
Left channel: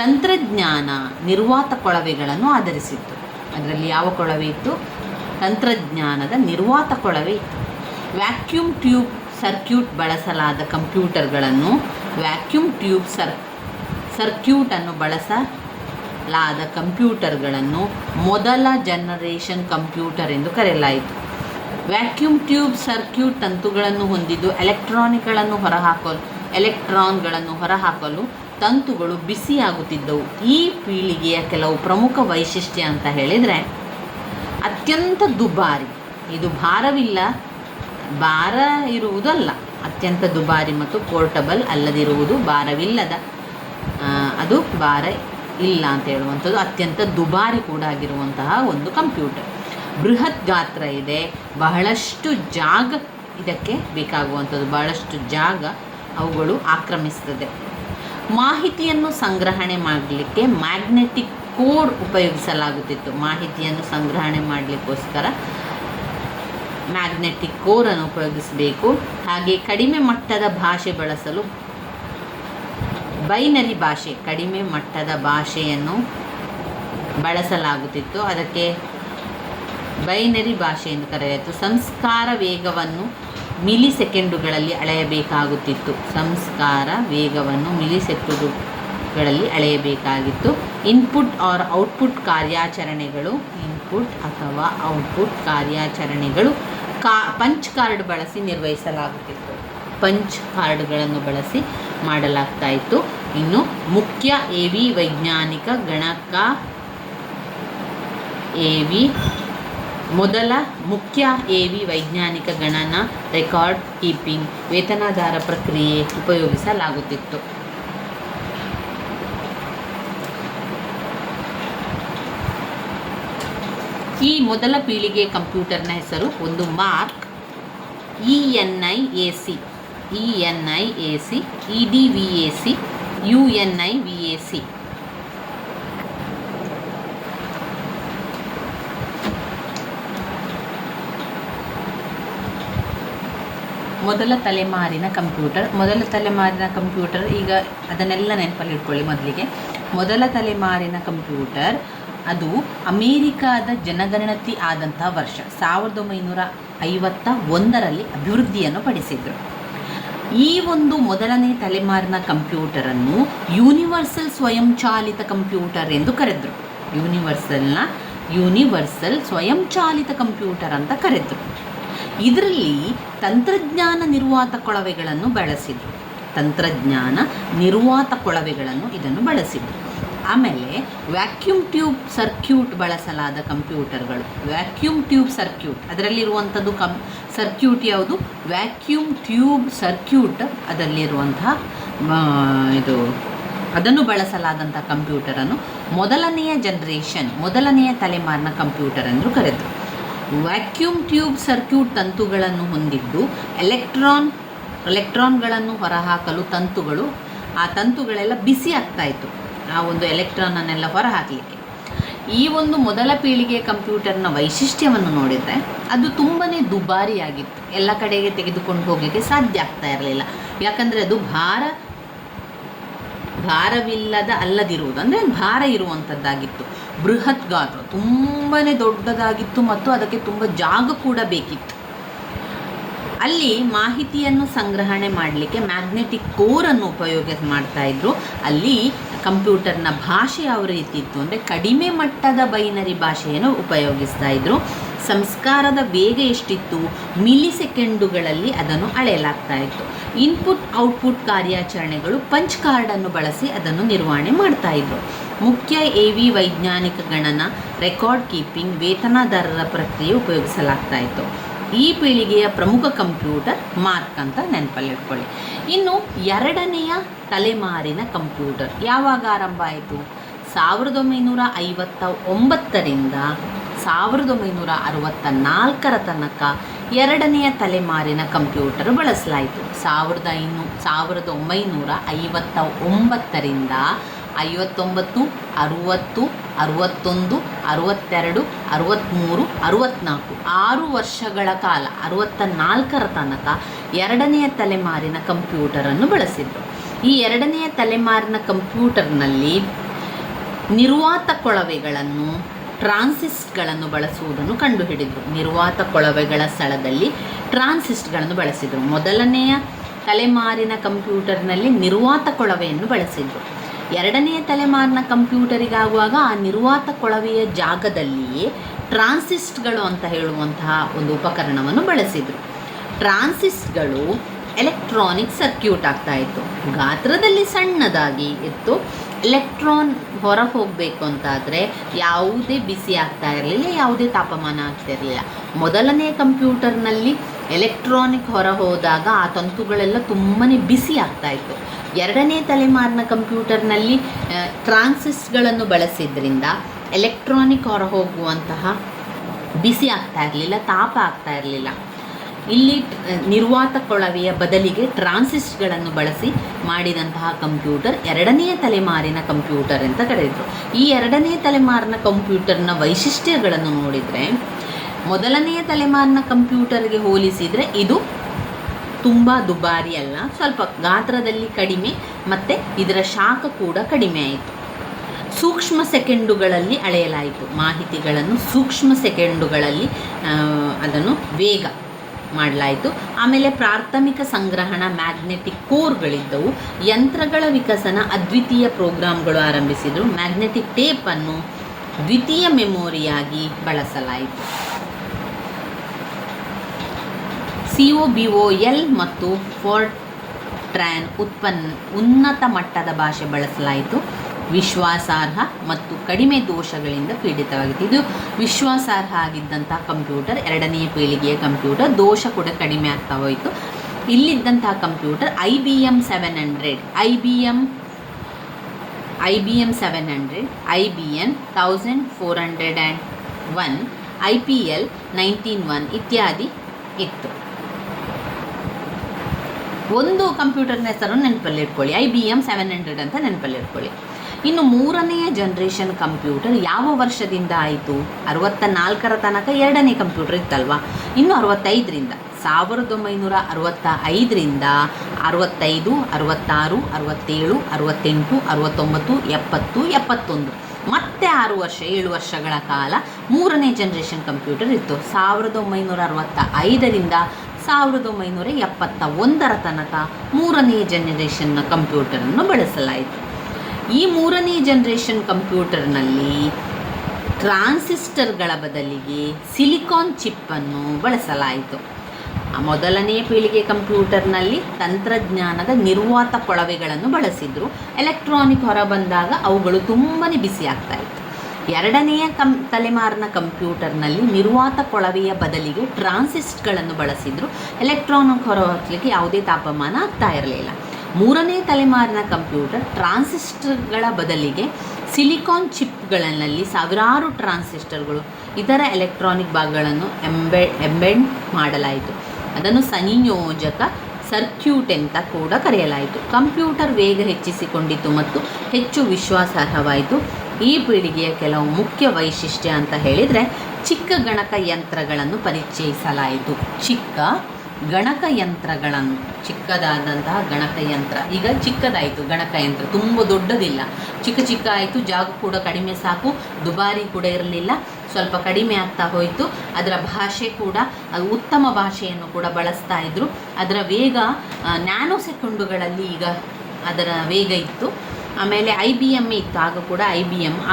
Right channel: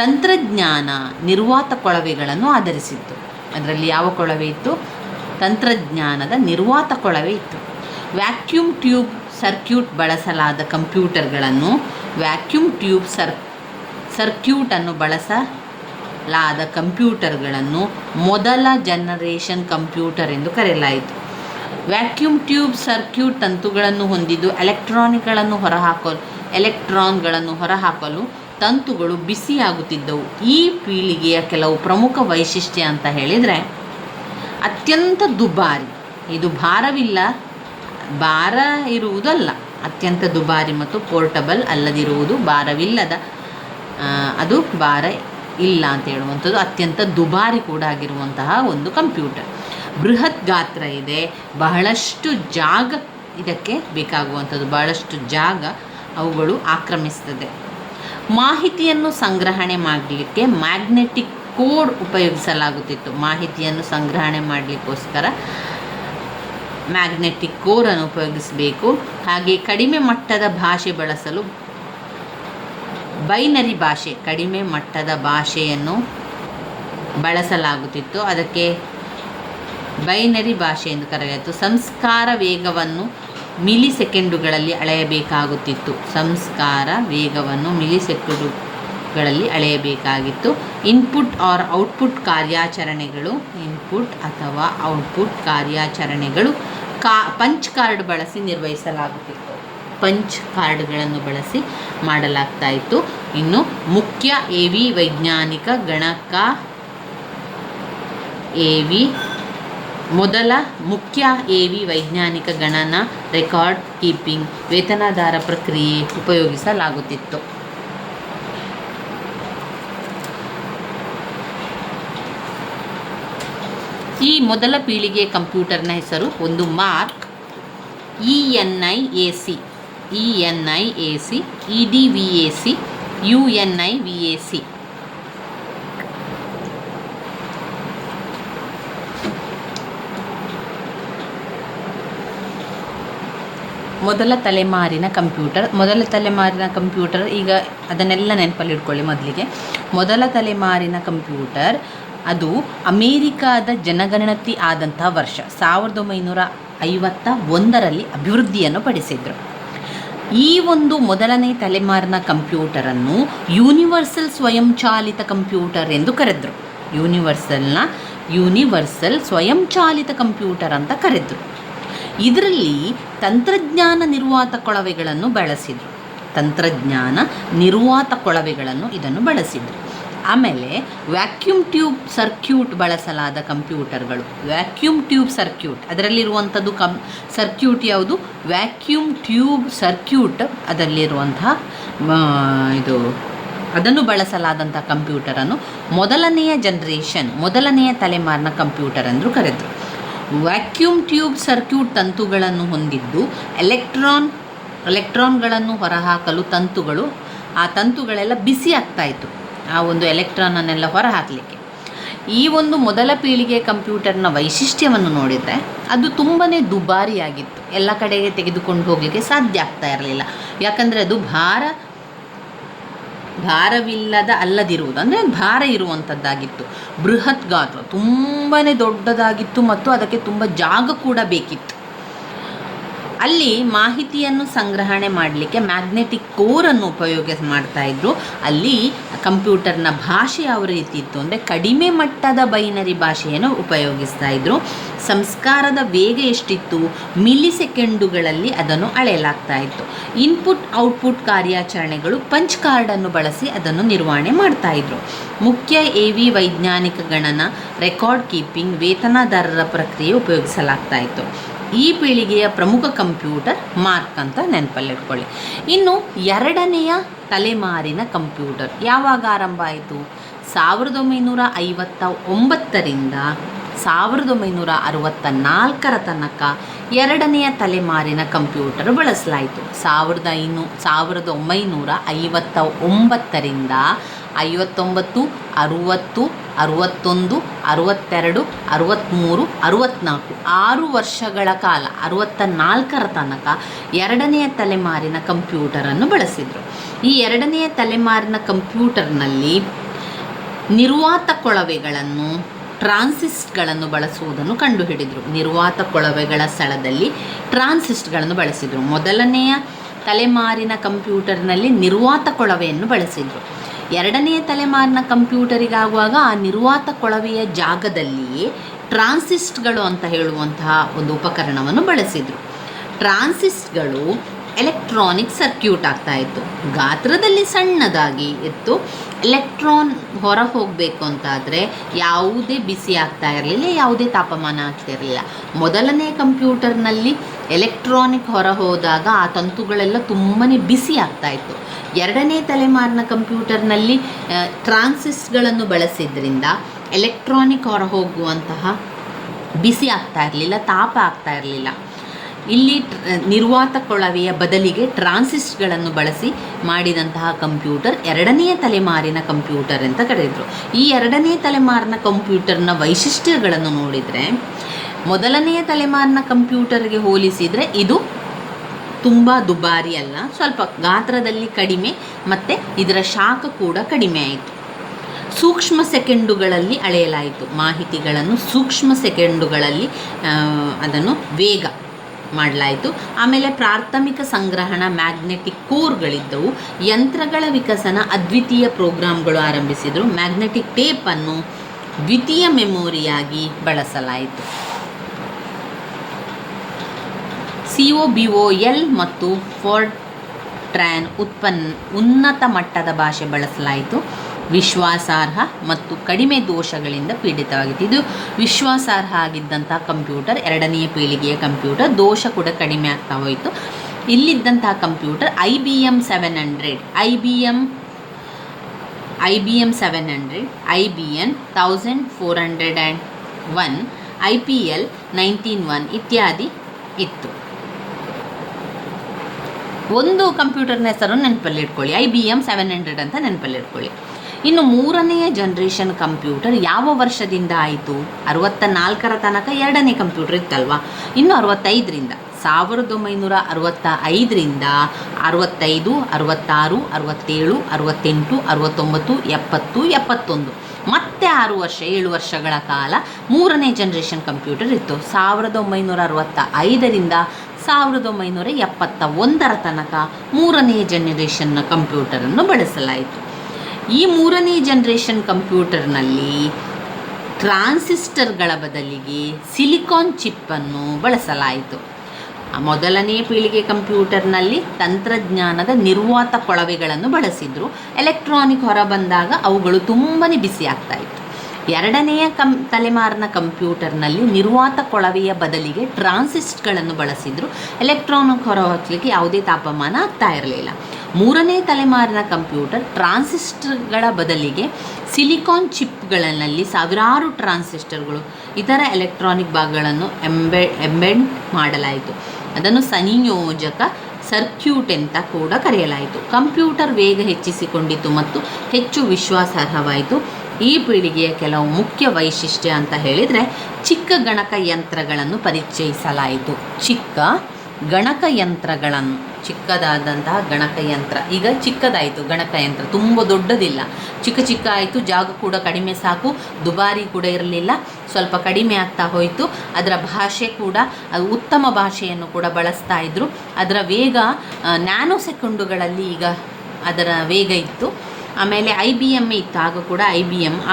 ತಂತ್ರಜ್ಞಾನ ನಿರ್ವಾತ ಕೊಳವೆಗಳನ್ನು ಆಧರಿಸಿತ್ತು. ಅದರಲ್ಲಿ ಯಾವ ಕೊಳವೆ ಇತ್ತು? ತಂತ್ರಜ್ಞಾನದ ನಿರ್ವಾತ ಕೊಳವೆ ಇತ್ತು. ವ್ಯಾಕ್ಯೂಮ್ ಟ್ಯೂಬ್ ಸರ್ಕ್ಯೂಟ್ ಬಳಸಲಾದ ಕಂಪ್ಯೂಟರ್ಗಳನ್ನು ಸರ್ಕ್ಯೂಟನ್ನು ಬಳಸಲಾದ ಕಂಪ್ಯೂಟರ್ಗಳನ್ನು ಮೊದಲ ಜನರೇಷನ್ ಕಂಪ್ಯೂಟರ್ ಎಂದು ಕರೆಯಲಾಯಿತು. ವ್ಯಾಕ್ಯೂಮ್ ಟ್ಯೂಬ್ ಸರ್ಕ್ಯೂಟ್ ತಂತುಗಳನ್ನು ಹೊಂದಿದ್ದು ಎಲೆಕ್ಟ್ರಾನ್ಗಳನ್ನು ಹೊರಹಾಕಲು ತಂತುಗಳು ಬಿಸಿಯಾಗುತ್ತಿದ್ದವು. ಈ ಪೀಳಿಗೆಯ ಕೆಲವು ಪ್ರಮುಖ ವೈಶಿಷ್ಟ್ಯ ಅಂತ ಹೇಳಿದರೆ, ಅತ್ಯಂತ ದುಬಾರಿ, ಇದು ಭಾರ ಇರುವುದಲ್ಲ, ಅತ್ಯಂತ ದುಬಾರಿ ಮತ್ತು ಪೋರ್ಟಬಲ್ ಅಲ್ಲದಿರುವುದು, ಭಾರವಿಲ್ಲದ, ಅದು ಭಾರ ಇಲ್ಲ ಅಂತ ಹೇಳುವಂಥದ್ದು, ಅತ್ಯಂತ ದುಬಾರಿ ಕೂಡ ಆಗಿರುವಂತಹ ಒಂದು ಕಂಪ್ಯೂಟರ್. ಬೃಹತ್ ಗಾತ್ರ ಇದೆ, ಬಹಳಷ್ಟು ಜಾಗ ಇದಕ್ಕೆ ಬೇಕಾಗುವಂಥದ್ದು, ಬಹಳಷ್ಟು ಜಾಗ ಅವುಗಳು ಆಕ್ರಮಿಸ್ತದೆ. ಮಾಹಿತಿಯನ್ನು ಸಂಗ್ರಹಣೆ ಮಾಡಲಿಕ್ಕೆ ಮ್ಯಾಗ್ನೆಟಿಕ್ ಕೋಡ್ ಉಪಯೋಗಿಸಲಾಗುತ್ತಿತ್ತು. ಮಾಹಿತಿಯನ್ನು ಸಂಗ್ರಹಣೆ ಮಾಡಲಿಕ್ಕೋಸ್ಕರ ಮ್ಯಾಗ್ನೆಟಿಕ್ ಕೋರನ್ನು ಉಪಯೋಗಿಸಬೇಕು. ಹಾಗೆ ಕಡಿಮೆ ಮಟ್ಟದ ಭಾಷೆ ಬಳಸಲು ಬೈನರಿ ಭಾಷೆ, ಕಡಿಮೆ ಮಟ್ಟದ ಭಾಷೆಯನ್ನು ಬಳಸಲಾಗುತ್ತಿತ್ತು. ಅದಕ್ಕೆ ಬೈನರಿ ಭಾಷೆ ಎಂದು ಕರೆಯಲಾಯಿತು. ಸಂಸ್ಕಾರ ವೇಗವನ್ನು ಮಿಲಿಸೆಕೆಂಡುಗಳಲ್ಲಿ ಅಳೆಯಬೇಕಾಗುತ್ತಿತ್ತು. ಇನ್ಪುಟ್ ಆರ್ ಔಟ್ಪುಟ್ ಕಾರ್ಯಾಚರಣೆಗಳು ಪಂಚ್ ಕಾರ್ಡ್ ಬಳಸಿ ನಿರ್ವಹಿಸಲಾಗುತ್ತಿತ್ತು. ಪಂಚ್ ಕಾರ್ಡ್ಗಳನ್ನು ಬಳಸಿ ಮಾಡಲಾಗ್ತಾ ಇತ್ತು. ಇನ್ನು ಮುಖ್ಯ ಎವಿ ವೈಜ್ಞಾನಿಕ ಗಣಕ ಮೊದಲ ಮುಖ್ಯ ಎವಿ ವೈಜ್ಞಾನಿಕ ಗಣನ ರೆಕಾರ್ಡ್ ಕೀಪಿಂಗ್ ವೇತನಾಧಾರ ಪ್ರಕ್ರಿಯೆ ಉಪಯೋಗಿಸಲಾಗುತ್ತಿತ್ತು. ಈ ಮೊದಲ ಪೀಳಿಗೆ ಕಂಪ್ಯೂಟರ್ನ ಹೆಸರು ಒಂದು ಮಾರ್ಕ್ ENIAC, EDVAC, UNIVAC. ಮೊದಲ ತಲೆಮಾರಿನ ಕಂಪ್ಯೂಟರ್ ಈಗ ಅದನ್ನೆಲ್ಲ ನೆನಪಲ್ಲಿ ಇಟ್ಕೊಳ್ಳಿ. ಮೊದಲಿಗೆ ಮೊದಲ ತಲೆಮಾರಿನ ಕಂಪ್ಯೂಟರ್ ಅದು ಅಮೇರಿಕಾದ ಜನಗಣತಿ ಆದಂತಹ ವರ್ಷ 1951ರಲ್ಲಿ ಅಭಿವೃದ್ಧಿಯನ್ನು ಪಡಿಸಿದರು. ಈ ಒಂದು ಮೊದಲನೇ ತಲೆಮಾರಿನ ಕಂಪ್ಯೂಟರನ್ನು ಯೂನಿವರ್ಸಲ್ ಸ್ವಯಂಚಾಲಿತ ಕಂಪ್ಯೂಟರ್ ಎಂದು ಕರೆದರು. ಯೂನಿವರ್ಸಲ್ ಸ್ವಯಂಚಾಲಿತ ಕಂಪ್ಯೂಟರ್ ಅಂತ ಕರೆದರು. ಇದರಲ್ಲಿ ತಂತ್ರಜ್ಞಾನ ನಿರ್ವಾತ ಕೊಳವೆಗಳನ್ನು ಬಳಸಿದರು. ಆಮೇಲೆ ವ್ಯಾಕ್ಯೂಮ್ ಟ್ಯೂಬ್ ಸರ್ಕ್ಯೂಟ್ ಬಳಸಲಾದ ಕಂಪ್ಯೂಟರ್ಗಳು. ಅದರಲ್ಲಿರುವಂಥದ್ದು ಸರ್ಕ್ಯೂಟ್ ಯಾವುದು? Vacuum tube circuit. ಅದರಲ್ಲಿರುವಂತಹ ಅದನ್ನು ಬಳಸಲಾದಂಥ ಕಂಪ್ಯೂಟರನ್ನು ಮೊದಲನೆಯ ತಲೆಮಾರಿನ ಕಂಪ್ಯೂಟರ್ ಎಂದು ಕರೆದರು. ವ್ಯಾಕ್ಯೂಮ್ ಟ್ಯೂಬ್ ಸರ್ಕ್ಯೂಟ್ ತಂತುಗಳನ್ನು ಹೊಂದಿದ್ದು ಎಲೆಕ್ಟ್ರಾನ್ಗಳನ್ನು ಹೊರಹಾಕಲು ತಂತುಗಳೆಲ್ಲ ಬಿಸಿ ಆಗ್ತಾಯಿತ್ತು, ಆ ಒಂದು ಎಲೆಕ್ಟ್ರಾನನ್ನೆಲ್ಲ ಹೊರಹಾಕಲಿಕ್ಕೆ. ಈ ಒಂದು ಮೊದಲ ಪೀಳಿಗೆ ಕಂಪ್ಯೂಟರ್ನ ವೈಶಿಷ್ಟ್ಯವನ್ನು ನೋಡಿದರೆ ಅದು ತುಂಬಾ ದುಬಾರಿಯಾಗಿತ್ತು. ಎಲ್ಲ ಕಡೆಗೆ ತೆಗೆದುಕೊಂಡು ಹೋಗಲಿಕ್ಕೆ ಸಾಧ್ಯ ಆಗ್ತಾ ಇರಲಿಲ್ಲ. ಯಾಕಂದರೆ ಅದು ಅಲ್ಲದಿರುವುದು ಅಂದರೆ ಭಾರ ಇರುವಂಥದ್ದಾಗಿತ್ತು. ಬೃಹತ್ ಗಾತ್ರ, ತುಂಬಾ ದೊಡ್ಡದಾಗಿತ್ತು ಮತ್ತು ಅದಕ್ಕೆ ತುಂಬ ಜಾಗ ಕೂಡ ಬೇಕಿತ್ತು. ಅಲ್ಲಿ ಮಾಹಿತಿಯನ್ನು ಸಂಗ್ರಹಣೆ ಮಾಡಲಿಕ್ಕೆ ಮ್ಯಾಗ್ನೆಟಿಕ್ ಕೋರನ್ನು ಮಾಡ್ತಾಯಿದ್ರು. ಅಲ್ಲಿ ಕಂಪ್ಯೂಟರ್ನ ಭಾಷೆ ಯಾವ ರೀತಿ ಇತ್ತು ಅಂದರೆ ಕಡಿಮೆ ಮಟ್ಟದ ಬೈನರಿ ಭಾಷೆಯನ್ನು ಉಪಯೋಗಿಸ್ತಾ ಇದ್ರು. ಸಂಸ್ಕಾರದ ವೇಗ ಎಷ್ಟಿತ್ತು, ಮಿಲಿ ಸೆಕೆಂಡುಗಳಲ್ಲಿ ಅದನ್ನು ಅಳೆಯಲಾಗ್ತಾ ಇತ್ತು. ಇನ್ಪುಟ್ ಔಟ್ಪುಟ್ ಕಾರ್ಯಾಚರಣೆಗಳು ಪಂಚ್ ಕಾರ್ಡನ್ನು ಬಳಸಿ ಅದನ್ನು ನಿರ್ವಹಣೆ ಮಾಡ್ತಾಯಿದ್ರು. ಮುಖ್ಯ AV ವೈಜ್ಞಾನಿಕ ಗಣನ, ರೆಕಾರ್ಡ್ ಕೀಪಿಂಗ್, ವೇತನದಾರರ ಪ್ರಕ್ರಿಯೆ ಉಪಯೋಗಿಸಲಾಗ್ತಾ ಇತ್ತು. ಈ ಪೀಳಿಗೆಯ ಪ್ರಮುಖ ಕಂಪ್ಯೂಟರ್ ಮಾರ್ಕ್ ಅಂತ ನೆನಪಲ್ಲಿಟ್ಕೊಳ್ಳಿ. ಇನ್ನು ಎರಡನೆಯ ತಲೆಮಾರಿನ ಕಂಪ್ಯೂಟರ್ ಯಾವಾಗ ಆರಂಭ ಆಯಿತು? 1959ರಿಂದ 1964 ತನಕ ಎರಡನೆಯ ತಲೆಮಾರಿನ ಕಂಪ್ಯೂಟರ್ ಬಳಸಲಾಯಿತು. 1959ರಿಂದ 59, 60, 61, 62, 63, 64 6 ವರ್ಷಗಳ ಕಾಲ 64ರ ತನಕ ಎರಡನೆಯ ತಲೆಮಾರಿನ ಕಂಪ್ಯೂಟರನ್ನು ಬಳಸಿದರು. ಈ ಎರಡನೆಯ ತಲೆಮಾರಿನ ಕಂಪ್ಯೂಟರ್ನಲ್ಲಿ ನಿರ್ವಾತ ಕೊಳವೆಗಳನ್ನು, ಟ್ರಾನ್ಸಿಸ್ಟ್ಗಳನ್ನು ಬಳಸುವುದನ್ನು ಕಂಡುಹಿಡಿದರು. ನಿರ್ವಾತ ಕೊಳವೆಗಳ ಸ್ಥಳದಲ್ಲಿ ಟ್ರಾನ್ಸಿಸ್ಟ್ಗಳನ್ನು ಬಳಸಿದರು. ಮೊದಲನೆಯ ತಲೆಮಾರಿನ ಕಂಪ್ಯೂಟರ್ನಲ್ಲಿ ನಿರ್ವಾತ ಕೊಳವೆಯನ್ನು ಬಳಸಿದರು. ಎರಡನೆಯ ತಲೆಮಾರಿನ ಕಂಪ್ಯೂಟರಿಗಾಗುವಾಗ ಆ ನಿರ್ವಾತ ಕೊಳವೆಯ ಜಾಗದಲ್ಲಿಯೇ ಟ್ರಾನ್ಸಿಸ್ಟ್ಗಳು ಅಂತ ಹೇಳುವಂತಹ ಒಂದು ಉಪಕರಣವನ್ನು ಬಳಸಿದರು. ಟ್ರಾನ್ಸಿಸ್ಟ್ಗಳು ಎಲೆಕ್ಟ್ರಾನಿಕ್ ಸರ್ಕ್ಯೂಟ್ ಆಗ್ತಾಯಿತ್ತು. ಗಾತ್ರದಲ್ಲಿ ಸಣ್ಣದಾಗಿ ಇತ್ತು. ಎಲೆಕ್ಟ್ರಾನ್ ಹೊರ ಹೋಗಬೇಕು ಅಂತಾದರೆ ಯಾವುದೇ ಬಿಸಿ ಆಗ್ತಾ ಇರಲಿಲ್ಲ, ಯಾವುದೇ ತಾಪಮಾನ ಆಗ್ತಿರಲಿಲ್ಲ. ಮೊದಲನೇ ಕಂಪ್ಯೂಟರ್ನಲ್ಲಿ ಎಲೆಕ್ಟ್ರಾನಿಕ್ ಹೊರ ಹೋದಾಗ ಆ ತಂತುಗಳೆಲ್ಲ ತುಂಬಾ ಬಿಸಿ ಆಗ್ತಾಯಿತ್ತು. ಎರಡನೇ ತಲೆಮಾರಿನ ಕಂಪ್ಯೂಟರ್ನಲ್ಲಿ ಟ್ರಾನ್ಸಿಸ್ಟ್ಗಳನ್ನು ಬಳಸಿದ್ರಿಂದ ಎಲೆಕ್ಟ್ರಾನಿಕ್ ಹೊರ ಹೋಗುವಂತಹ ಬಿಸಿ ಆಗ್ತಾ ಇರಲಿಲ್ಲ, ತಾಪ ಆಗ್ತಾ ಇರಲಿಲ್ಲ. ಇಲ್ಲಿ ನಿರ್ವಾತ ಕೊಳವೆಯ ಬದಲಿಗೆ ಟ್ರಾನ್ಸಿಸ್ಟ್ಗಳನ್ನು ಬಳಸಿ ಮಾಡಿದಂತಹ ಕಂಪ್ಯೂಟರ್ ಎರಡನೆಯ ತಲೆಮಾರಿನ ಕಂಪ್ಯೂಟರ್ ಅಂತ ಕರೆದರು. ಈ ಎರಡನೇ ತಲೆಮಾರಿನ ಕಂಪ್ಯೂಟರ್ನ ವೈಶಿಷ್ಟ್ಯಗಳನ್ನು ನೋಡಿದರೆ ಮೊದಲನೆಯ ತಲೆಮಾರಿನ ಕಂಪ್ಯೂಟರ್ಗೆ ಹೋಲಿಸಿದರೆ ಇದು ತುಂಬ ದುಬಾರಿ ಅಲ್ಲ, ಸ್ವಲ್ಪ ಗಾತ್ರದಲ್ಲಿ ಕಡಿಮೆ ಮತ್ತು ಇದರ ಶಾಖ ಕೂಡ ಕಡಿಮೆ ಆಯಿತು. ಸೂಕ್ಷ್ಮ ಸೆಕೆಂಡುಗಳಲ್ಲಿ ಅಳೆಯಲಾಯಿತು. ಮಾಹಿತಿಗಳನ್ನು ಸೂಕ್ಷ್ಮ ಸೆಕೆಂಡುಗಳಲ್ಲಿ ಅದನ್ನು ವೇಗ ಮಾಡಲಾಯಿತು. ಆಮೇಲೆ ಪ್ರಾಥಮಿಕ ಸಂಗ್ರಹಣ ಮ್ಯಾಗ್ನೆಟಿಕ್ ಕೋರ್ಗಳಿದ್ದವು. ಯಂತ್ರಗಳ ವಿಕಸನ ಅದ್ವಿತೀಯ ಪ್ರೋಗ್ರಾಮ್ಗಳು ಆರಂಭಿಸಿದರು. ಮ್ಯಾಗ್ನೆಟಿಕ್ ಟೇಪನ್ನು ದ್ವಿತೀಯ ಮೆಮೊರಿಯಾಗಿ ಬಳಸಲಾಯಿತು. COBOL ಮತ್ತು ಫೋರ್ಟ್ರಾನ್ ಉನ್ನತ ಮಟ್ಟದ ಭಾಷೆ ಬಳಸಲಾಯಿತು. ವಿಶ್ವಾಸಾರ್ಹ ಮತ್ತು ಕಡಿಮೆ ದೋಷಗಳಿಂದ ಪೀಡಿತವಾಗಿತ್ತು. ಇದು ವಿಶ್ವಾಸಾರ್ಹ ಆಗಿದ್ದಂಥ ಕಂಪ್ಯೂಟರ್, ಎರಡನೆಯ ಪೀಳಿಗೆಯ ಕಂಪ್ಯೂಟರ್. ದೋಷ ಕೂಡ ಕಡಿಮೆ ಆಗ್ತಾ ಹೋಯಿತು. ಇಲ್ಲಿದ್ದಂತಹ computer IBM 700, IBM 700, IBM 1401, IPL 191 ಇತ್ಯಾದಿ ಇತ್ತು. ಒಂದು ಕಂಪ್ಯೂಟರ್ನ ಹೆಸರು ನೆನಪಲ್ಲಿಟ್ಕೊಳ್ಳಿ, IBM 700 ಅಂತ ನೆನಪಲ್ಲಿಟ್ಕೊಳ್ಳಿ. ಇನ್ನು ಮೂರನೆಯ ಜನ್ರೇಷನ್ ಕಂಪ್ಯೂಟರ್ ಯಾವ ವರ್ಷದಿಂದ ಆಯಿತು? 64ರ ತನಕ ಎರಡನೇ ಕಂಪ್ಯೂಟರ್ ಇತ್ತಲ್ವ. ಇನ್ನು 65ರಿಂದ 1965ರಿಂದ 65, 66, 67, 68, 69, 70, 71 ಮತ್ತೆ 7 ವರ್ಷಗಳ ಕಾಲ ಮೂರನೇ ಜನ್ರೇಷನ್ ಕಂಪ್ಯೂಟರ್ ಇತ್ತು. 1965ರಿಂದ 1971ರ ತನಕ ಮೂರನೇ ಜನರೇಷನ್ನ ಕಂಪ್ಯೂಟರನ್ನು ಬಳಸಲಾಯಿತು. ಈ ಮೂರನೇ ಜನ್ರೇಷನ್ ಕಂಪ್ಯೂಟರ್ನಲ್ಲಿ ಟ್ರಾನ್ಸಿಸ್ಟರ್ಗಳ ಬದಲಿಗೆ ಸಿಲಿಕಾನ್ ಚಿಪ್ಪನ್ನು ಬಳಸಲಾಯಿತು. ಮೊದಲನೇ ಪೀಳಿಗೆ ಕಂಪ್ಯೂಟರ್ನಲ್ಲಿ ತಂತ್ರಜ್ಞಾನದ ನಿರ್ವಾತ ಕೊಳವೆಗಳನ್ನು ಬಳಸಿದರು. ಎಲೆಕ್ಟ್ರಾನಿಕ್ ಹೊರ ಬಂದಾಗ ಅವುಗಳು ತುಂಬಾ ಬಿಸಿ ಆಗ್ತಾಯಿತ್ತು. ಎರಡನೆಯ ತಲೆಮಾರಿನ ಕಂಪ್ಯೂಟರ್ನಲ್ಲಿ ನಿರ್ವಾತ ಕೊಳವೆಯ ಬದಲಿಗೆ ಟ್ರಾನ್ಸಿಸ್ಟ್ಗಳನ್ನು ಬಳಸಿದರು. ಎಲೆಕ್ಟ್ರಾನಿಕ್ ಹೊರ ಹೋಗಲಿಕ್ಕೆ ಯಾವುದೇ ತಾಪಮಾನ ಆಗ್ತಾ ಇರಲಿಲ್ಲ. ಮೂರನೇ ತಲೆಮಾರಿನ ಕಂಪ್ಯೂಟರ್ ಟ್ರಾನ್ಸಿಸ್ಟರ್ಗಳ ಬದಲಿಗೆ ಸಿಲಿಕಾನ್ ಚಿಪ್ಗಳಲ್ಲಿ ಸಾವಿರಾರು ಟ್ರಾನ್ಸಿಸ್ಟರ್ಗಳು, ಇತರ ಎಲೆಕ್ಟ್ರಾನಿಕ್ ಭಾಗಗಳನ್ನು ಎಂಬೆಡ್ ಮಾಡಲಾಯಿತು. ಅದನ್ನು ಸಂಯೋಜಕ ಸರ್ಕ್ಯೂಟ್ ಅಂತ ಕೂಡ ಕರೆಯಲಾಯಿತು. ಕಂಪ್ಯೂಟರ್ ವೇಗ ಹೆಚ್ಚಿಸಿಕೊಂಡಿತು ಮತ್ತು ಹೆಚ್ಚು ವಿಶ್ವಾಸಾರ್ಹವಾಯಿತು. ಈ ಪೀಳಿಗೆಯ ಕೆಲವು ಮುಖ್ಯ ವೈಶಿಷ್ಟ್ಯ ಅಂತ ಹೇಳಿದರೆ ಚಿಕ್ಕ ಗಣಕ ಯಂತ್ರಗಳನ್ನು ಪರಿಚಯಿಸಲಾಯಿತು. ಚಿಕ್ಕ ಗಣಕಯಂತ್ರಗಳನ್ನು, ಚಿಕ್ಕದಾದಂತಹ ಗಣಕಯಂತ್ರ, ಈಗ ಚಿಕ್ಕದಾಯಿತು ಗಣಕಯಂತ್ರ, ತುಂಬ ದೊಡ್ಡದಿಲ್ಲ, ಚಿಕ್ಕ ಚಿಕ್ಕ ಆಯಿತು, ಜಾಗ ಕೂಡ ಕಡಿಮೆ ಸಾಕು, ದುಬಾರಿ ಕೂಡ ಇರಲಿಲ್ಲ, ಸ್ವಲ್ಪ ಕಡಿಮೆ ಆಗ್ತಾ ಹೋಯಿತು. ಅದರ ಭಾಷೆ ಕೂಡ ಉತ್ತಮ ಭಾಷೆಯನ್ನು ಕೂಡ ಬಳಸ್ತಾ ಇದ್ದರು. ಅದರ ವೇಗ ನ್ಯಾನೋ ಸೆಕೆಂಡುಗಳಲ್ಲಿ ಈಗ ಅದರ ವೇಗ ಇತ್ತು. ಆಮೇಲೆ IBM ಇತ್ತು ಆಗ ಕೂಡ,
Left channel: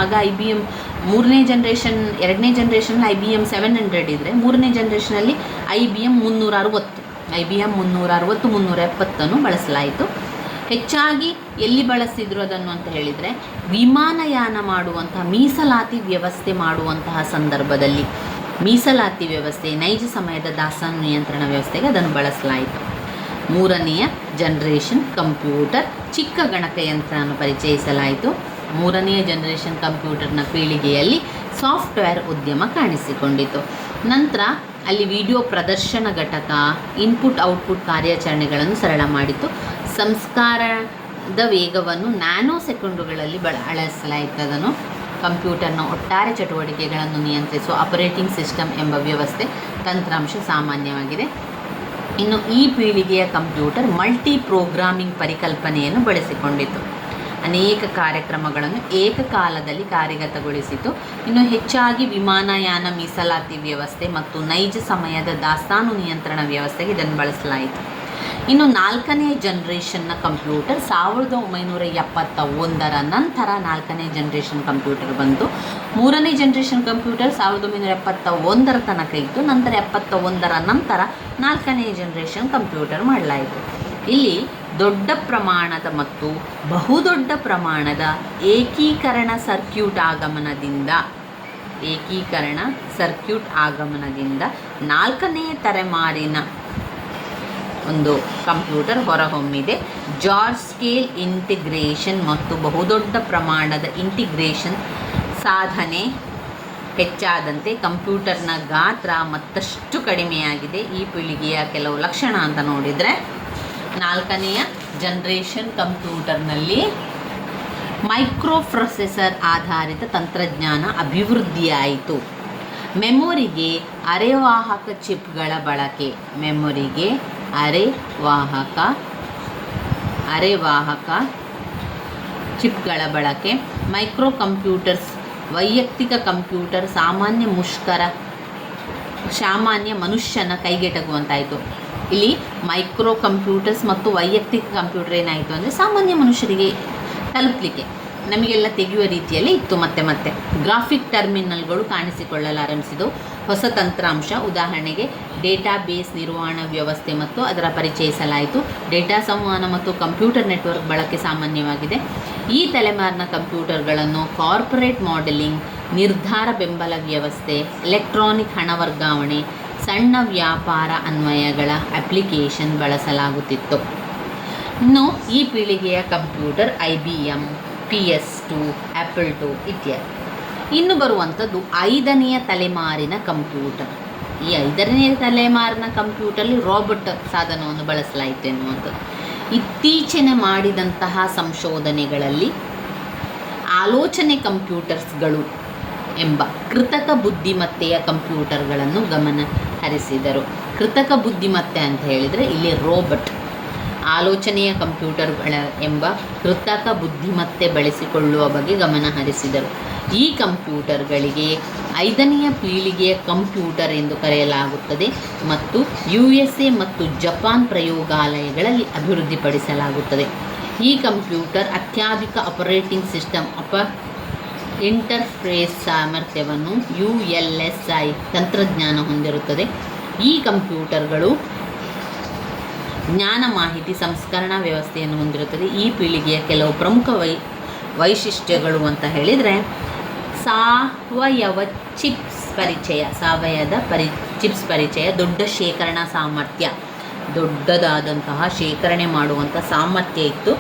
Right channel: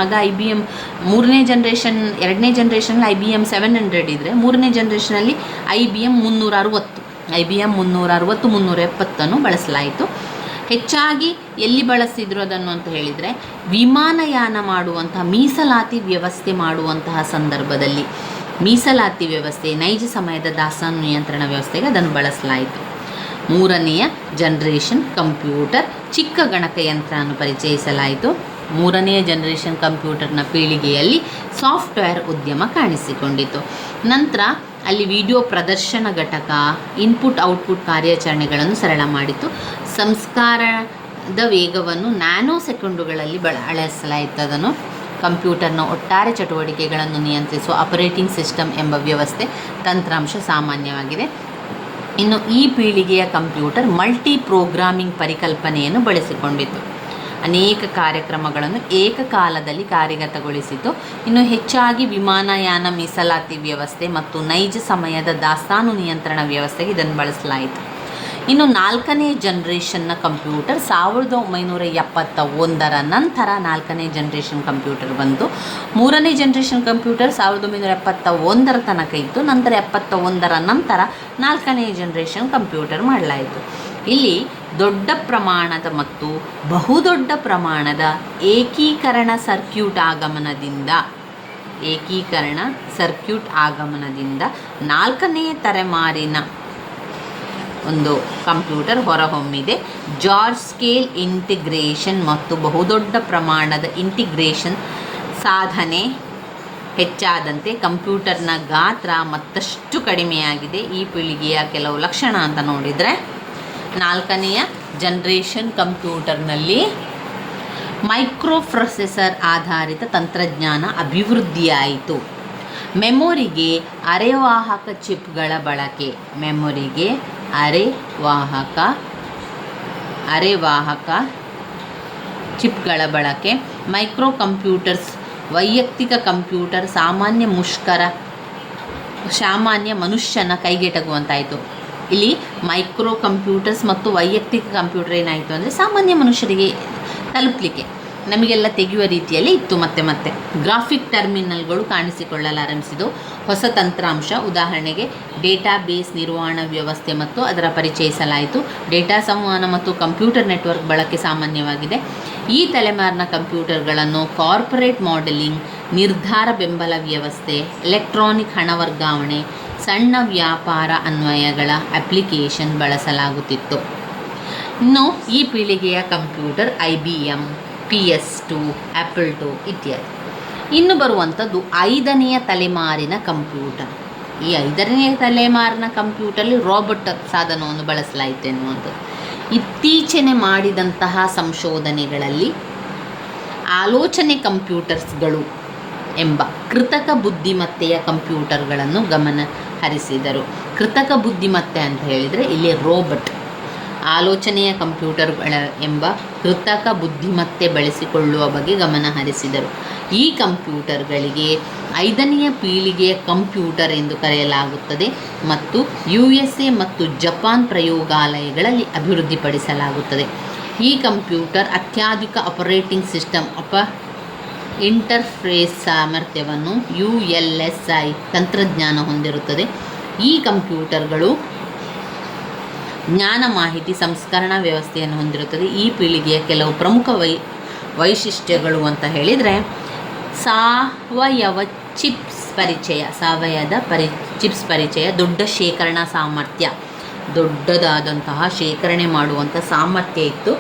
ಆಗ IBM ಮೂರನೇ ಜನ್ರೇಷನ್, ಎರಡನೇ ಜನ್ರೇಷನಲ್ಲಿ IBM 700 ಇದ್ದರೆ, ಮೂರನೇ ಜನ್ರೇಷನಲ್ಲಿ IBM 360, IBM 360 370 ಬಳಸಲಾಯಿತು. ಹೆಚ್ಚಾಗಿ ಎಲ್ಲಿ ಬಳಸಿದ್ರು ಅದನ್ನು ಅಂತ ಹೇಳಿದರೆ, ವಿಮಾನಯಾನ ಮಾಡುವಂತಹ ಮೀಸಲಾತಿ ವ್ಯವಸ್ಥೆ ಮಾಡುವಂತಹ ಸಂದರ್ಭದಲ್ಲಿ, ಮೀಸಲಾತಿ ವ್ಯವಸ್ಥೆ, ನೈಜ ಸಮಯದ ದಾಸ್ತಾನು ನಿಯಂತ್ರಣ ವ್ಯವಸ್ಥೆಗೆ ಅದನ್ನು ಬಳಸಲಾಯಿತು. ಮೂರನೆಯ ಜನ್ರೇಷನ್ ಕಂಪ್ಯೂಟರ್, ಚಿಕ್ಕ ಗಣಕಯಂತ್ರವನ್ನು ಪರಿಚಯಿಸಲಾಯಿತು. ಮೂರನೆಯ ಜನ್ರೇಷನ್ ಕಂಪ್ಯೂಟರ್ನ ಪೀಳಿಗೆಯಲ್ಲಿ ಸಾಫ್ಟ್ವೇರ್ ಉದ್ಯಮ ಕಾಣಿಸಿಕೊಂಡಿತು. ನಂತರ ಅಲ್ಲಿ ವಿಡಿಯೋ ಪ್ರದರ್ಶನ ಘಟಕ, ಇನ್ಪುಟ್ ಔಟ್ಪುಟ್ ಕಾರ್ಯಾಚರಣೆಗಳನ್ನು ಸರಳ ಮಾಡಿತು. ಸಂಸ್ಕಾರದ ವೇಗವನ್ನು ನ್ಯಾನೋ ಸೆಕೆಂಡುಗಳಲ್ಲಿ ಬಳಸಲಾಯಿತು. ಅದನ್ನು ಕಂಪ್ಯೂಟರ್ನ ಒಟ್ಟಾರೆ ಚಟುವಟಿಕೆಗಳನ್ನು ನಿಯಂತ್ರಿಸುವ ಆಪರೇಟಿಂಗ್ ಸಿಸ್ಟಮ್ ಎಂಬ ವ್ಯವಸ್ಥೆ ತಂತ್ರಾಂಶ ಸಾಮಾನ್ಯವಾಗಿದೆ. ಇನ್ನು ಈ ಪೀಳಿಗೆಯ ಕಂಪ್ಯೂಟರ್ ಮಲ್ಟಿ ಪ್ರೋಗ್ರಾಮಿಂಗ್ ಪರಿಕಲ್ಪನೆಯನ್ನು ಬಳಸಿಕೊಂಡಿತು. ಅನೇಕ ಕಾರ್ಯಕ್ರಮಗಳನ್ನು ಏಕಕಾಲದಲ್ಲಿ ಕಾರ್ಯಗತಗೊಳಿಸಿತು. ಇನ್ನು ಹೆಚ್ಚಾಗಿ ವಿಮಾನಯಾನ ಮೀಸಲಾತಿ ವ್ಯವಸ್ಥೆ ಮತ್ತು ನೈಜ ಸಮಯದ ದಾಸ್ತಾನು ನಿಯಂತ್ರಣ ವ್ಯವಸ್ಥೆಗೆ ಇದನ್ನು ಬಳಸಲಾಯಿತು. ಇನ್ನು ನಾಲ್ಕನೇ ಜನ್ರೇಷನ್ನ ಕಂಪ್ಯೂಟರ್ 1971 ನಂತರ ನಾಲ್ಕನೇ ಜನ್ರೇಷನ್ ಕಂಪ್ಯೂಟರ್ ಬಂತು. ಮೂರನೇ ಜನ್ರೇಷನ್ ಕಂಪ್ಯೂಟರ್ 1971 ತನಕ ಇತ್ತು. ನಂತರ 71 ನಂತರ ನಾಲ್ಕನೇ ಜನ್ರೇಷನ್ ಕಂಪ್ಯೂಟರ್ ಮಾಡಲಾಯಿತು. ಇಲ್ಲಿ ದೊಡ್ಡ ಪ್ರಮಾಣದ ಮತ್ತು ಬಹುದೊಡ್ಡ ಪ್ರಮಾಣದ ಏಕೀಕರಣ ಸರ್ಕ್ಯೂಟ್ ಆಗಮನದಿಂದ ನಾಲ್ಕನೇ ತಲೆಮಾರಿನ ಒಂದು ಕಂಪ್ಯೂಟರ್ ಹೊರಹೊಮ್ಮಿದೆ. ಜಾರ್ಜ್ ಸ್ಕೇಲ್ ಇಂಟಿಗ್ರೇಷನ್ ಮತ್ತು ಬಹುದೊಡ್ಡ ಪ್ರಮಾಣದ ಇಂಟಿಗ್ರೇಷನ್ ಸಾಧನೆ ಹೆಚ್ಚಾದಂತೆ ಕಂಪ್ಯೂಟರ್ನ ಗಾತ್ರ ಮತ್ತಷ್ಟು ಕಡಿಮೆಯಾಗಿದೆ. ಈ ಪೀಳಿಗೆಯ ಕೆಲವು ಲಕ್ಷಣ ಅಂತ ನೋಡಿದರೆ, ನಾಲ್ಕನೆಯ ಜನ್ರೇಷನ್ ಕಂಪ್ಯೂಟರ್ನಲ್ಲಿ ಮೈಕ್ರೋ ಪ್ರೊಸೆಸರ್ ಆಧಾರಿತ ತಂತ್ರಜ್ಞಾನ ಅಭಿವೃದ್ಧಿಯಾಯಿತು. ಮೆಮೊರಿಗೆ ಅರೆವಾಹಕ ಚಿಪ್ಗಳ ಬಳಕೆ, ಅರೆವಾಹಕ ಚಿಪ್ಗಳ ಬಳಕೆ. ಮೈಕ್ರೋ ಕಂಪ್ಯೂಟರ್ಸ್ ವೈಯಕ್ತಿಕ ಕಂಪ್ಯೂಟರ್ ಸಾಮಾನ್ಯ ಮನುಷ್ಯನ ಕೈಗೆಟಕುವಂತಾಯಿತು. ಇಲ್ಲಿ ಮೈಕ್ರೋ ಕಂಪ್ಯೂಟರ್ಸ್ ಮತ್ತು ವೈಯಕ್ತಿಕ ಕಂಪ್ಯೂಟರ್ ಏನಾಯಿತು ಅಂದರೆ ಸಾಮಾನ್ಯ ಮನುಷ್ಯರಿಗೆ ತಲುಪಲಿಕ್ಕೆ, ನಮಗೆಲ್ಲ ತೆಗೆಯುವ ರೀತಿಯಲ್ಲಿ ಇತ್ತು. ಮತ್ತೆ ಗ್ರಾಫಿಕ್ ಟರ್ಮಿನಲ್ಗಳು ಕಾಣಿಸಿಕೊಳ್ಳಲಾರಂಭಿಸಿದವು. ಹೊಸ ತಂತ್ರಾಂಶ, ಉದಾಹರಣೆಗೆ ಡೇಟಾಬೇಸ್ ನಿರ್ವಹಣಾ ವ್ಯವಸ್ಥೆ ಮತ್ತು ಅದರ ಪರಿಚಯಿಸಲಾಯಿತು. ಡೇಟಾ ಸಂವಹನ ಮತ್ತು ಕಂಪ್ಯೂಟರ್ ನೆಟ್ವರ್ಕ್ ಬಳಕೆ ಸಾಮಾನ್ಯವಾಗಿದೆ. ಈ ತಲೆಮಾರಿನ ಕಂಪ್ಯೂಟರ್ಗಳನ್ನು ಕಾರ್ಪೊರೇಟ್ ಮಾಡೆಲಿಂಗ್, ನಿರ್ಧಾರ ಬೆಂಬಲ ವ್ಯವಸ್ಥೆ, ಎಲೆಕ್ಟ್ರಾನಿಕ್ ಹಣ ವರ್ಗಾವಣೆ, ಸಣ್ಣ ವ್ಯಾಪಾರ ಅನ್ವಯಗಳ ಅಪ್ಲಿಕೇಶನ್ ಬಳಸಲಾಗುತ್ತಿತ್ತು. ಇನ್ನು ಈ ಪೀಳಿಗೆಯ computer IBM, PS2, Apple II ಇತ್ಯಾದಿ. ಇನ್ನು ಬರುವಂಥದ್ದು 5ನೆಯ ತಲೆಮಾರಿನ ಕಂಪ್ಯೂಟರ್. ಈ 5ನೇ ತಲೆಮಾರಿನ ಕಂಪ್ಯೂಟರಲ್ಲಿ ರೋಬೋಟ್ ಸಾಧನವನ್ನು ಬಳಸಲಾಯಿತು ಎನ್ನುವಂಥದ್ದು. ಇತ್ತೀಚೆಗೆ ಮಾಡಿದಂತಹ ಸಂಶೋಧನೆಗಳಲ್ಲಿ ಆಲೋಚನೆ ಕಂಪ್ಯೂಟರ್ಸ್ಗಳು ಎಂಬ ಕೃತಕ ಬುದ್ಧಿಮತ್ತೆಯ ಕಂಪ್ಯೂಟರ್ಗಳನ್ನು ಗಮನ ಹರಿಸಿದರು. ಕೃತಕ ಬುದ್ಧಿಮತ್ತೆ ಅಂತ ಹೇಳಿದರೆ ಇಲ್ಲಿ ರೋಬೋಟ್, ಆಲೋಚನೆಯ ಕಂಪ್ಯೂಟರ್ಗಳ ಎಂಬ ಕೃತಕ ಬುದ್ಧಿಮತ್ತೆ ಬಳಸಿಕೊಳ್ಳುವ ಬಗ್ಗೆ ಗಮನ ಹರಿಸಿದರು. ಈ ಕಂಪ್ಯೂಟರ್ಗಳಿಗೆ 5ನೆಯ ಪೀಳಿಗೆಯ ಕಂಪ್ಯೂಟರ್ ಎಂದು ಕರೆಯಲಾಗುತ್ತದೆ ಮತ್ತು USA ಮತ್ತು ಜಪಾನ್ ಪ್ರಯೋಗಾಲಯಗಳಲ್ಲಿ ಅಭಿವೃದ್ಧಿಪಡಿಸಲಾಗುತ್ತದೆ. ಈ ಕಂಪ್ಯೂಟರ್ ಅತ್ಯಾಧುನಿಕ ಆಪರೇಟಿಂಗ್ ಸಿಸ್ಟಮ್ ಇಂಟರ್ಫೇಸ್ ಸಾಮರ್ಥ್ಯವನ್ನು ULSI ತಂತ್ರಜ್ಞಾನ ಹೊಂದಿರುತ್ತದೆ. ಈ ಕಂಪ್ಯೂಟರ್ಗಳು ಜ್ಞಾನ ಮಾಹಿತಿ ಸಂಸ್ಕರಣಾ ವ್ಯವಸ್ಥೆಯನ್ನು ಹೊಂದಿರುತ್ತದೆ. ಈ ಪೀಳಿಗೆಯ ಕೆಲವು ಪ್ರಮುಖ ವೈಶಿಷ್ಟ್ಯಗಳು ಅಂತ ಹೇಳಿದರೆ, ಸಾವಯವ ಚಿಪ್ಸ್ ಪರಿಚಯ, ದೊಡ್ಡ ಶೇಖರಣಾ ಸಾಮರ್ಥ್ಯ, ದೊಡ್ಡದಾದಂತಹ ಶೇಖರಣೆ ಮಾಡುವಂಥ ಸಾಮರ್ಥ್ಯ ಇತ್ತು.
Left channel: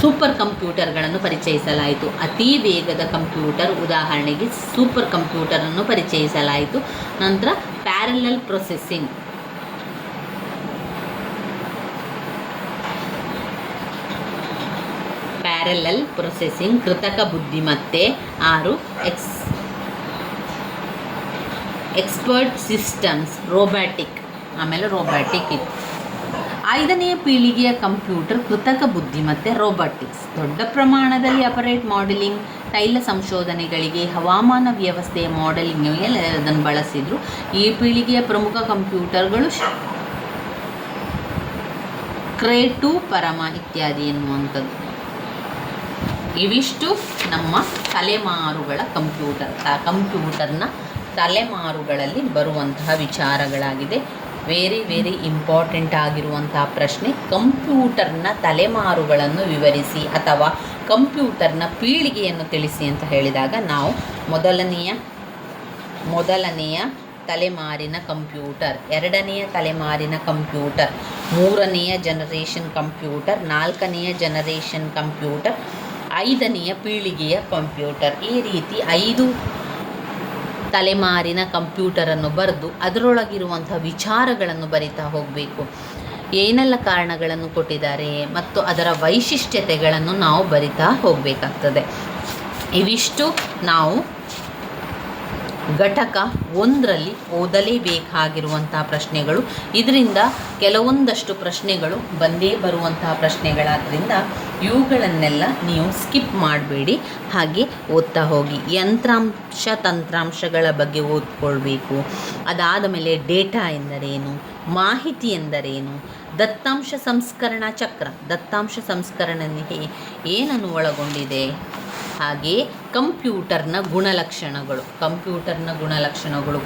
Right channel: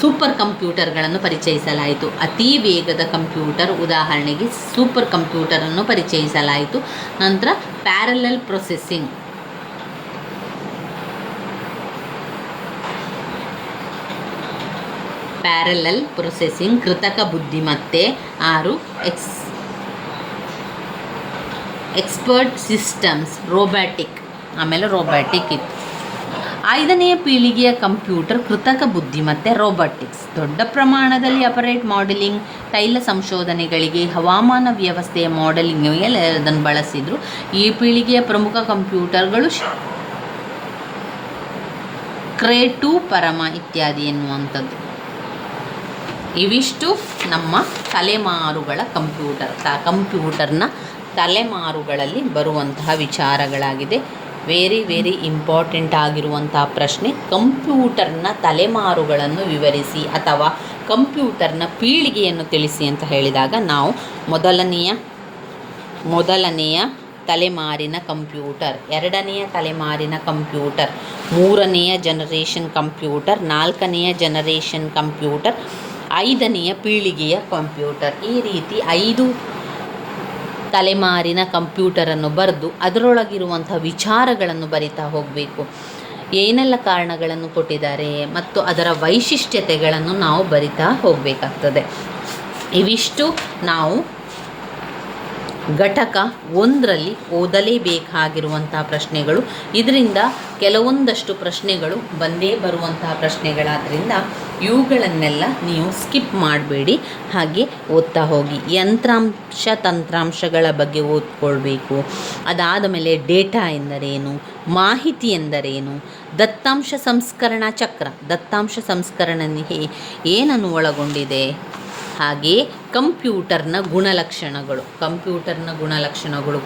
ಸೂಪರ್ ಕಂಪ್ಯೂಟರ್ಗಳನ್ನು ಪರಿಚಯಿಸಲಾಯಿತು. ಅತಿ ವೇಗದ ಕಂಪ್ಯೂಟರ್, ಉದಾಹರಣೆಗೆ ಸೂಪರ್ ಕಂಪ್ಯೂಟರನ್ನು ಪರಿಚಯಿಸಲಾಯಿತು. ನಂತರ ಪ್ಯಾರಲಲ್ ಪ್ರೊಸೆಸಿಂಗ್, ಕೃತಕ ಬುದ್ಧಿಮತ್ತೆ. 6 ಎಕ್ಸ್ಪರ್ಟ್ ಸಿಸ್ಟಮ್ಸ್, ರೋಬ್ಯಾಟಿಕ್ ಆಮೇಲೆ ರೋಬೋಟಿಕ್ ಇತ್ತು. 5ನೇ ಪೀಳಿಗೆಯ ಕಂಪ್ಯೂಟರ್ ಕೃತಕ ಬುದ್ಧಿಮತ್ತೆ ರೋಬೋಟಿಕ್ಸ್, ದೊಡ್ಡ ಪ್ರಮಾಣದಲ್ಲಿ ಅಪರೇಟ್ ಮಾಡೆಲಿಂಗ್, ತೈಲ ಸಂಶೋಧನೆಗಳಿಗೆ, ಹವಾಮಾನ ವ್ಯವಸ್ಥೆಯ ಮಾಡೆಲಿಂಗ್ಗೆ ಅದನ್ನು ಬಳಸಿದರು. ಈ ಪೀಳಿಗೆಯ ಪ್ರಮುಖ ಕಂಪ್ಯೂಟರ್ಗಳು ಕ್ರೇ 2, ಪರಮ ಇತ್ಯಾದಿ ಎನ್ನುವಂಥದ್ದು. ಇವಿಷ್ಟು ನಮ್ಮ ತಲೆಮಾರುಗಳ ಕಂಪ್ಯೂಟರ್ನ ತಲೆಮಾರುಗಳಲ್ಲಿ ಬರುವಂತಹ ವಿಚಾರಗಳಾಗಿದೆ. ವೆರಿ ಇಂಪಾರ್ಟೆಂಟ್ ಆಗಿರುವಂತಹ ಪ್ರಶ್ನೆ, ಕಂಪ್ಯೂಟರ್ನ ತಲೆಮಾರುಗಳನ್ನು ವಿವರಿಸಿ ಅಥವಾ ಕಂಪ್ಯೂಟರ್ನ ಪೀಳಿಗೆಯನ್ನು ತಿಳಿಸಿ ಅಂತ ಹೇಳಿದಾಗ ನಾವು ಮೊದಲನೆಯ ತಲೆಮಾರಿನ ಕಂಪ್ಯೂಟರ್, 2ನೆಯ ತಲೆಮಾರಿನ ಕಂಪ್ಯೂಟರ್, 3ನೆಯ ಜನರೇಷನ್ ಕಂಪ್ಯೂಟರ್, 4ನೆಯ ಜನರೇಷನ್ ಕಂಪ್ಯೂಟರ್, 5ನೆಯ ಪೀಳಿಗೆಯ ಕಂಪ್ಯೂಟರ್, ಈ ರೀತಿ 5 ತಲೆಮಾರಿನ ಕಂಪ್ಯೂಟರನ್ನು ಬರೆದು ಅದರೊಳಗಿರುವಂಥ ವಿಚಾರಗಳನ್ನು ಬರಿತಾ ಹೋಗಬೇಕು. ಏನೆಲ್ಲ ಕಾರಣಗಳನ್ನು ಕೊಟ್ಟಿದ್ದಾರೆ ಮತ್ತು ಅದರ ವೈಶಿಷ್ಟ್ಯತೆಗಳನ್ನು ನಾವು ಬರಿತಾ ಹೋಗಬೇಕಾಗ್ತದೆ. ಇವಿಷ್ಟು ನಾವು ಘಟಕ 1ರಲ್ಲಿ ಓದಲೇಬೇಕಾಗಿರುವಂತಹ ಪ್ರಶ್ನೆಗಳು. ಇದರಿಂದ ಕೆಲವೊಂದಷ್ಟು ಪ್ರಶ್ನೆಗಳು ಬಂದೇ ಬರುವಂತಹ ಪ್ರಶ್ನೆಗಳಾದ್ದರಿಂದ ಇವುಗಳನ್ನೆಲ್ಲ ನೀವು ಸ್ಕಿಪ್ ಮಾಡಬೇಡಿ, ಹಾಗೆ ಓದ್ತಾ ಹೋಗಿ. ಯಂತ್ರಾಂಶ ತಂತ್ರಾಂಶಗಳ ಬಗ್ಗೆ ಓದ್ಕೊಳ್ಬೇಕು. ಅದಾದ ಮೇಲೆ ಡೇಟಾ ಎಂದರೇನು, ಮಾಹಿತಿ ಎಂದರೇನು, ದತ್ತಾಂಶ ಸಂಸ್ಕರಣಾ ಚಕ್ರ, ದತ್ತಾಂಶ ಸಂಸ್ಕರಣೆ ಏನನ್ನು ಒಳಗೊಂಡಿದೆ, ಹಾಗೆ ಕಂಪ್ಯೂಟರ್ನ ಗುಣಲಕ್ಷಣಗಳು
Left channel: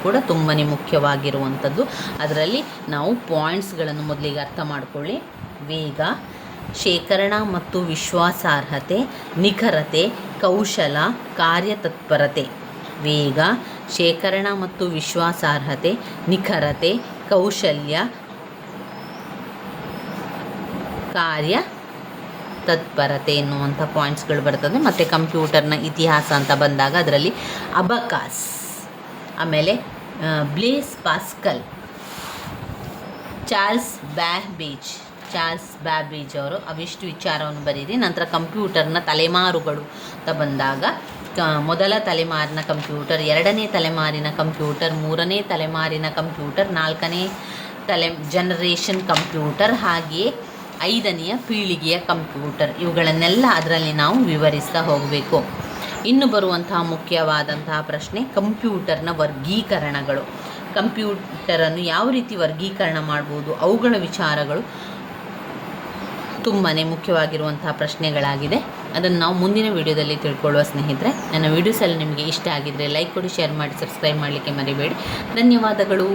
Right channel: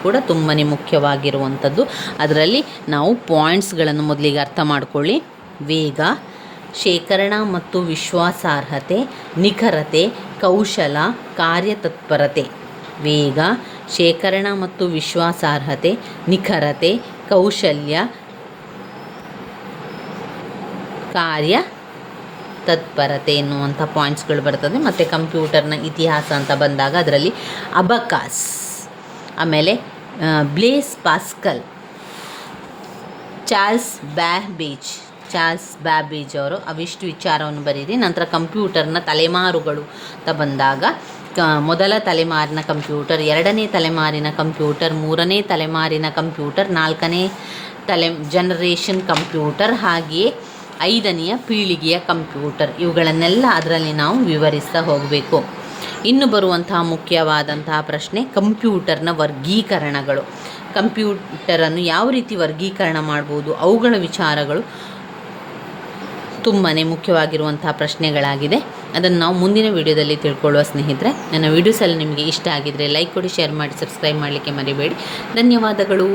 ಕೂಡ ತುಂಬಾ ಮುಖ್ಯವಾಗಿರುವಂಥದ್ದು. ಅದರಲ್ಲಿ ನಾವು ಪಾಯಿಂಟ್ಸ್ಗಳನ್ನು ಮೊದಲಿಗೆ ಅರ್ಥ ಮಾಡ್ಕೊಳ್ಳಿ. ವೇಗ, ಶೇಖರಣಾ ಮತ್ತು ವಿಶ್ವಾಸಾರ್ಹತೆ, ನಿಖರತೆ, ಕೌಶಲ, ಕಾರ್ಯತತ್ಪರತೆ. ವೇಗ, ಶೇಖರಣಾ ಮತ್ತು ವಿಶ್ವಾಸಾರ್ಹತೆ, ನಿಖರತೆ, ಕೌಶಲ್ಯ, ಕಾರ್ಯ ತತ್ಪರತೆ ಎನ್ನುವಂಥ ಪಾಯಿಂಟ್ಸ್ಗಳು ಬರ್ತದೆ. ಮತ್ತು ಕಂಪ್ಯೂಟರ್ನ ಇತಿಹಾಸ ಅಂತ ಬಂದಾಗ ಅದರಲ್ಲಿ ಅಬಕಾಸ್, ಆಮೇಲೆ ಬ್ಲೇಸ್ ಪಾಸ್ಕಲ್, ಚಾರ್ಲ್ಸ್ ಬ್ಯಾಬೇಜ್ ಅವರು ಅವಿಷ್ಟು ವಿಚಾರವನ್ನು ಬರೀರಿ. ನಂತರ ಕಂಪ್ಯೂಟರ್ನ ತಲೆಮಾರುಗಳು ಅಂತ ಬಂದಾಗ ಮೊದಲ ತಲೆಮಾರಿನ ಕಂಪ್ಯೂಟರ್, 2ನೇ ತಲೆಮಾರಿನ ಕಂಪ್ಯೂಟರ್, 3ನೇ ತಲೆಮಾರಿನ ಕಂಪ್ಯೂಟರ್, 4ನೇ ಜನರೇಷನ್ ಕಂಪ್ಯೂಟರ್, ಹಾಗೆಯೇ 5ನೆಯ ಪೀಳಿಗೆಯ ಕಂಪ್ಯೂಟರ್. ಇವುಗಳನ್ನೆಲ್ಲ ಅದರಲ್ಲಿ ನಾವು ವಿವರಿಸ್ತಾ ಹೋಗಬೇಕು. ಇನ್ನು ಬರುವಂತಹ ಮುಖ್ಯವಾದಂತಹ ಪ್ರಶ್ನೆ ಕಂಪ್ಯೂಟರ್ನ ವರ್ಗೀಕರಣಗಳು. ಕಂಪ್ಯೂಟರನ್ನು ಯಾವ ರೀತಿ ವರ್ಗೀಕರಣ ಮಾಡ್ಬೋದು, ಅವುಗಳ ವಿಚಾರಗಳು ತುಂಬಾ ಮುಖ್ಯವಾಗಿರುವಂತಹ ಪ್ರಶ್ನೆಗಳಾಗಿದೆ. ಅದನ್ನು ನಾವು ಮುಂದಿನ ವಿಡಿಯೋದಲ್ಲಿ ತಿಳ್ಕೊಳ್ಳುವ ಸ್ನೇಹಿತರೆ. ನನ್ನ ವಿಡಿಯೋಸಲ್ಲಿ ನಿಮಗೆ ಇಷ್ಟ ಆಗಿದ್ದರೆ ಲೈಕ್ ಕೊಡಿ, ಶೇರ್ ಮಾಡಿ, ಸಬ್ಸ್ಕ್ರೈಬ್ ಮಾಡಲಿಕ್ಕೆ ಮರಿಬೇಡಿ. ಧನ್ಯವಾದಗಳು.